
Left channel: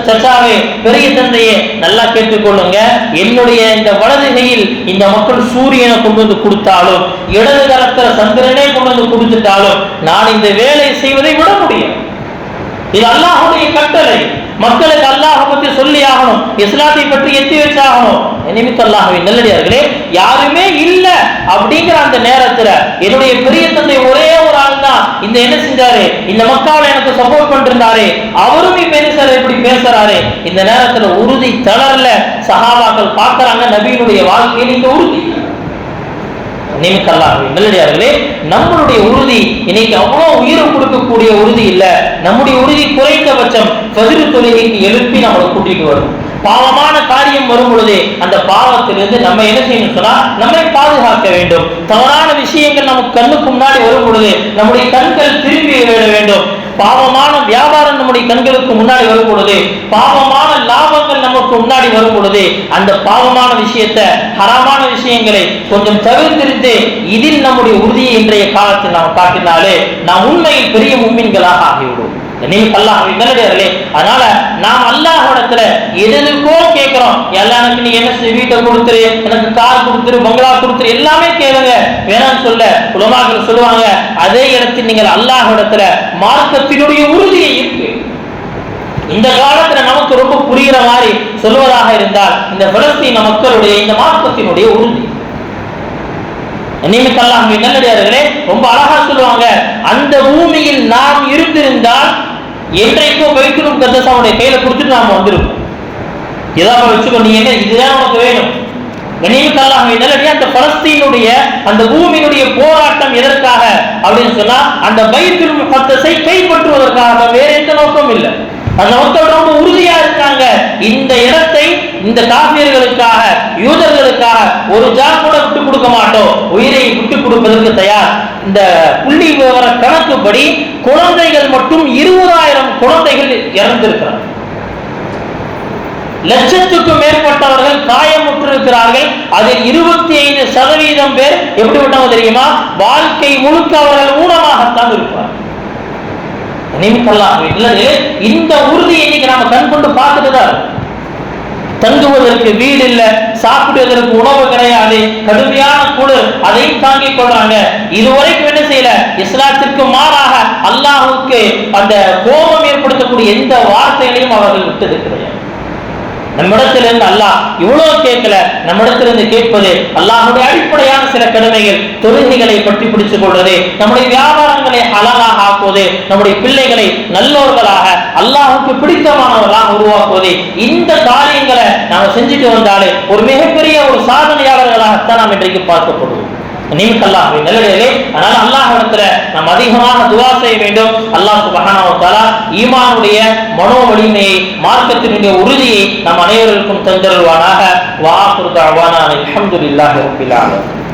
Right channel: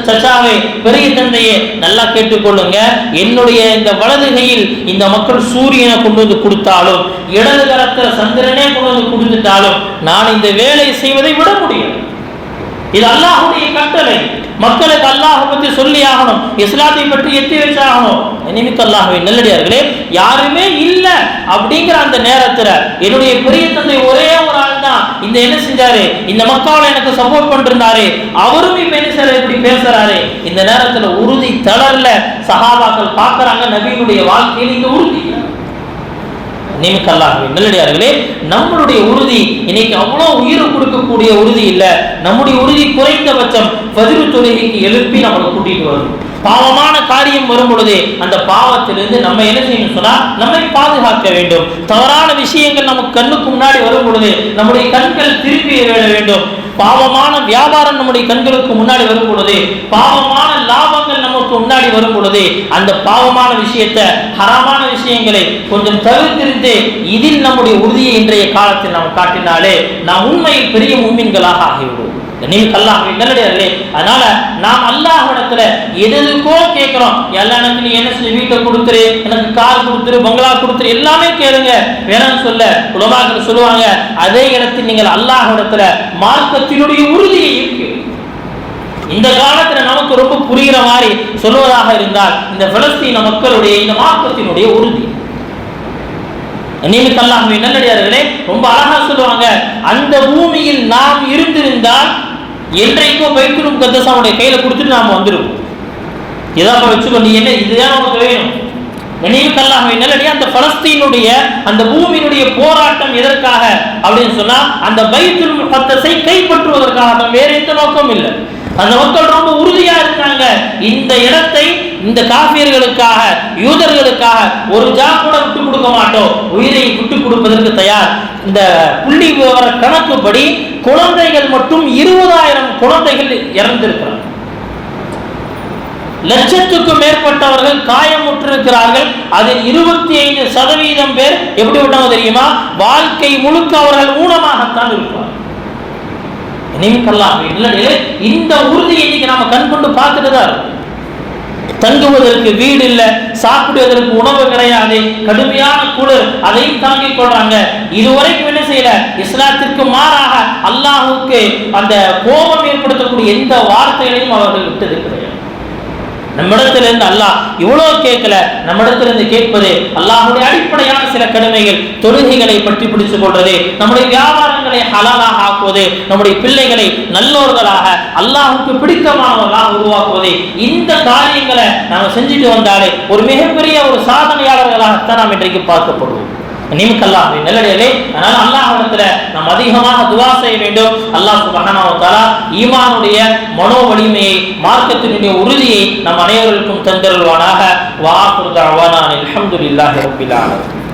சச்சாவே, பெரிய தந்தையே, நல்லா கேட்டுக்கொள்ளுங்க, என்னுடைய இந்த வலது கையில் இந்த மக்கள் சூரியனை கொண்டு வந்து கொடுத்தாலும், இடது கரத்துல சந்திரனே கொண்டு வந்து கொடுத்துட்டாலும் நான் இந்த வேலை செய்வதை விட முடியும். இது அல்லாஹ்வுடைய கட்டளை. மக்களுக்கு அல்லாஹ் பற்றி சொல்லி ஆகணும், இஸ்லாத்தை பற்றி எத்தி வச்சாகணும். நிமித்த அல்லாஹ்வின் நல்லடியார்களே, யாருமே இல்ல அப்படிங்கிற அந்த நேரத்துல என்னுடைய பெரிய தந்தை ஒரே ஒரு ஆள் தான் இந்த என்ன செஞ்சாரு, இந்த மக்காவை எனக்கு சப்போர்ட் பண்ணிருந்தாரு, அவரும் இப்ப என்ன செய்யற இப்படி பேசுறாரு. இந்த நேரத்துல உறுதி தளரல. சஹாபாக்கள் பார்க்கறாங்க நபியினுடைய வாழ்க்கையில் இந்த உறுதி. நல்லடியார்களே, நம்மளுடைய உறுதி இன்னைக்கு அவ்வளவு உயிர் கொடுக்கக்கூடிய உறுதி இல்ல. நம்முடைய உறுதி குறைந்தபட்சம் ஃபஜ்ர் தொழுகைக்கு எழுப்பி நம்மளை கூட்டிட்டு வரும். பாவமான காரியம் வரும் பொழுது அந்த பாவத்திலிருந்து நம்ம என்ன செய்யணும் சொன்னா நம்மை பாதுகாக்க வேண்டும். தவறான விஷயங்கள் நமக்கு கண்ணுக்கு முன்னாடி வரும் பொழுது நம்முடைய கண்கள் திரும்பி வேண்டும். பாவமான வியாபாரம் நம்முடைய கண்களுக்கு முன்னாடி வரும் பொழுது, பாவமான லாபங்கள் நமக்கு முன்னாடி வரும் பொழுது, அந்த பாவமான விஷயத்தை, ஹராமான விஷயங்களை கொஞ்சம் தவிர்த்திருந்து இதில் நம்முடைய உறுதியை இன்றைய காலத்தில் நாம் காட்டினாலே நாம் உண்மையில் பெரிய முஃமின்களாக ஆகிவிடும். நல்லடியார்களே, அதனால நாம் அல்லாஹ்விடத்துல எதுக்கோ கேட்கிறோம், எல்லாரும் நீ என்ன செய்ய, வீட்டை கொடுத்துரு, எனக்கு கார் கொடுத்துரு, பங்களா கொடுத்துரு, எல்லாமே கேளுங்க, வேணாம்னு சொல்ல உலமாக்கள் சொல்லுவாங்க. அதே இடத்தில் நீங்கள் அல்லாஹ்விடத்துல மார்க்கத்தினுடைய உறுதியை இருக்கு. இந்த காலத்துல நமக்கு ரொம்ப புரிகிற மாதிரி சொல்வதாக இருந்தால் இந்த பலஸ்தீன மக்களுடைய இந்த மார்க்கத்தினுடைய உறுதி. நல்லடியார்களே, ரொம்ப அழகா சொல்லுவாங்க, அந்த பூமியில் நாம் இருந்திருந்தால் என்றைக்கோ பைத்துல் முகத்தஸுடைய கையில கொடுத்துட்டு நாம வந்திருப்போம். ஏதாவது வச்சுக்கோ, நீ என்ன இதுதான் உனக்கு வேணும். அந்த பலஸ்தீனுடைய அந்த பூமியினுடைய போராட்டம் எதற்காக அப்படின்னு சொன்னா அந்த பைத்துல் முகத்தஸை கைப்பற்றுவதற்காக, வேற எந்த நோக்கம் இல்லை. அந்த மக்கள் ரொம்ப உறுதியா இருக்காங்க, இந்த இடத்தை இந்த காபியர்களுக்காக, யூதர்களுக்காக ஒரு ஜா கூட விட்டு கொடுக்க மாட்டோம், உயிரை விட்டு கொடுப்பதற்கு தயார். இந்த புள்ளி விவர கணக்குப்படி குழந்தைகள் மட்டும் 20,000 குழந்தைகள் இறந்திருக்கிறார்கள். லட்சத்துக்கும் மேற்பட்டவர்கள் காயமுற்றிருக்கிறார்கள். அதில் 25% பேர் எப்படி விட்டவங்க தெரியுமா, வாழ்க்கை முழுக்க அவர்கள் ஊனமாகத்தான் இருப்பார். இந்த உறுதியை இன்னைக்கு நாம கண் கொண்டு பார்த்துட்டு தான். தங்குவதற்கு வீடு இல்ல, சாப்பிடுவதற்கு உணவு கிடையாது, கடுமையான குளிர், அதையும் தாங்கிக் கொள்றாங்க. இதுவரைக்கும் என்ன செய்யல, இஸ்லாத்திற்கு மாறாக அல்லாஹ்வுக்கு அந்த கோபம் ஏற்படுத்தக்கூடிய எந்த வார்த்தைகளையும் அவர்கள் விட்டது கிடையாது. நம்மிடத்திலிருந்து அல்லாஹ் இவ்வளவு கேட்கல, நம்மிடத்திலிருந்து கேட்பது அல்லாஹ்வுடைய அடிப்படையான சில கடமைகள், தொழுகைகளை பற்றி பிடித்துக் கொள்வது, நம்முடைய வியாபாரங்களை ஹலாலாக ஆக்குவது, நம்முடைய பிள்ளைகளை நல்லோர்களாக அல்லாஹ்வுக்கு பிடித்தமானவர்களாக உருவாக்குவது. இந்த காரியங்களை நாம செஞ்சுட்டு வந்தாலே ஒரு மிகப்பெரிய ஒரு சாதனையாளர்களாகத்தான் நாம் இன்றைக்கு பார்க்கப்படுவோம். நல்லடியார்களே, அதனால அல்லாஹ்விடத்துல நாம் அதிகமாக துஆ செய்ய வேண்டும். அல்லாஹ் சுப்ஹானஹு வ தஆலா ஈமானுடைய மனோ வலிமையை, மார்க்கத்தினுடைய உறுதியை நம் அனைவருக்கும் தந்தருள்வானாக. வ ஆகிரு தஅவானா அல்ஹம்துலில்லாஹி ரப்பில் ஆலமீன்.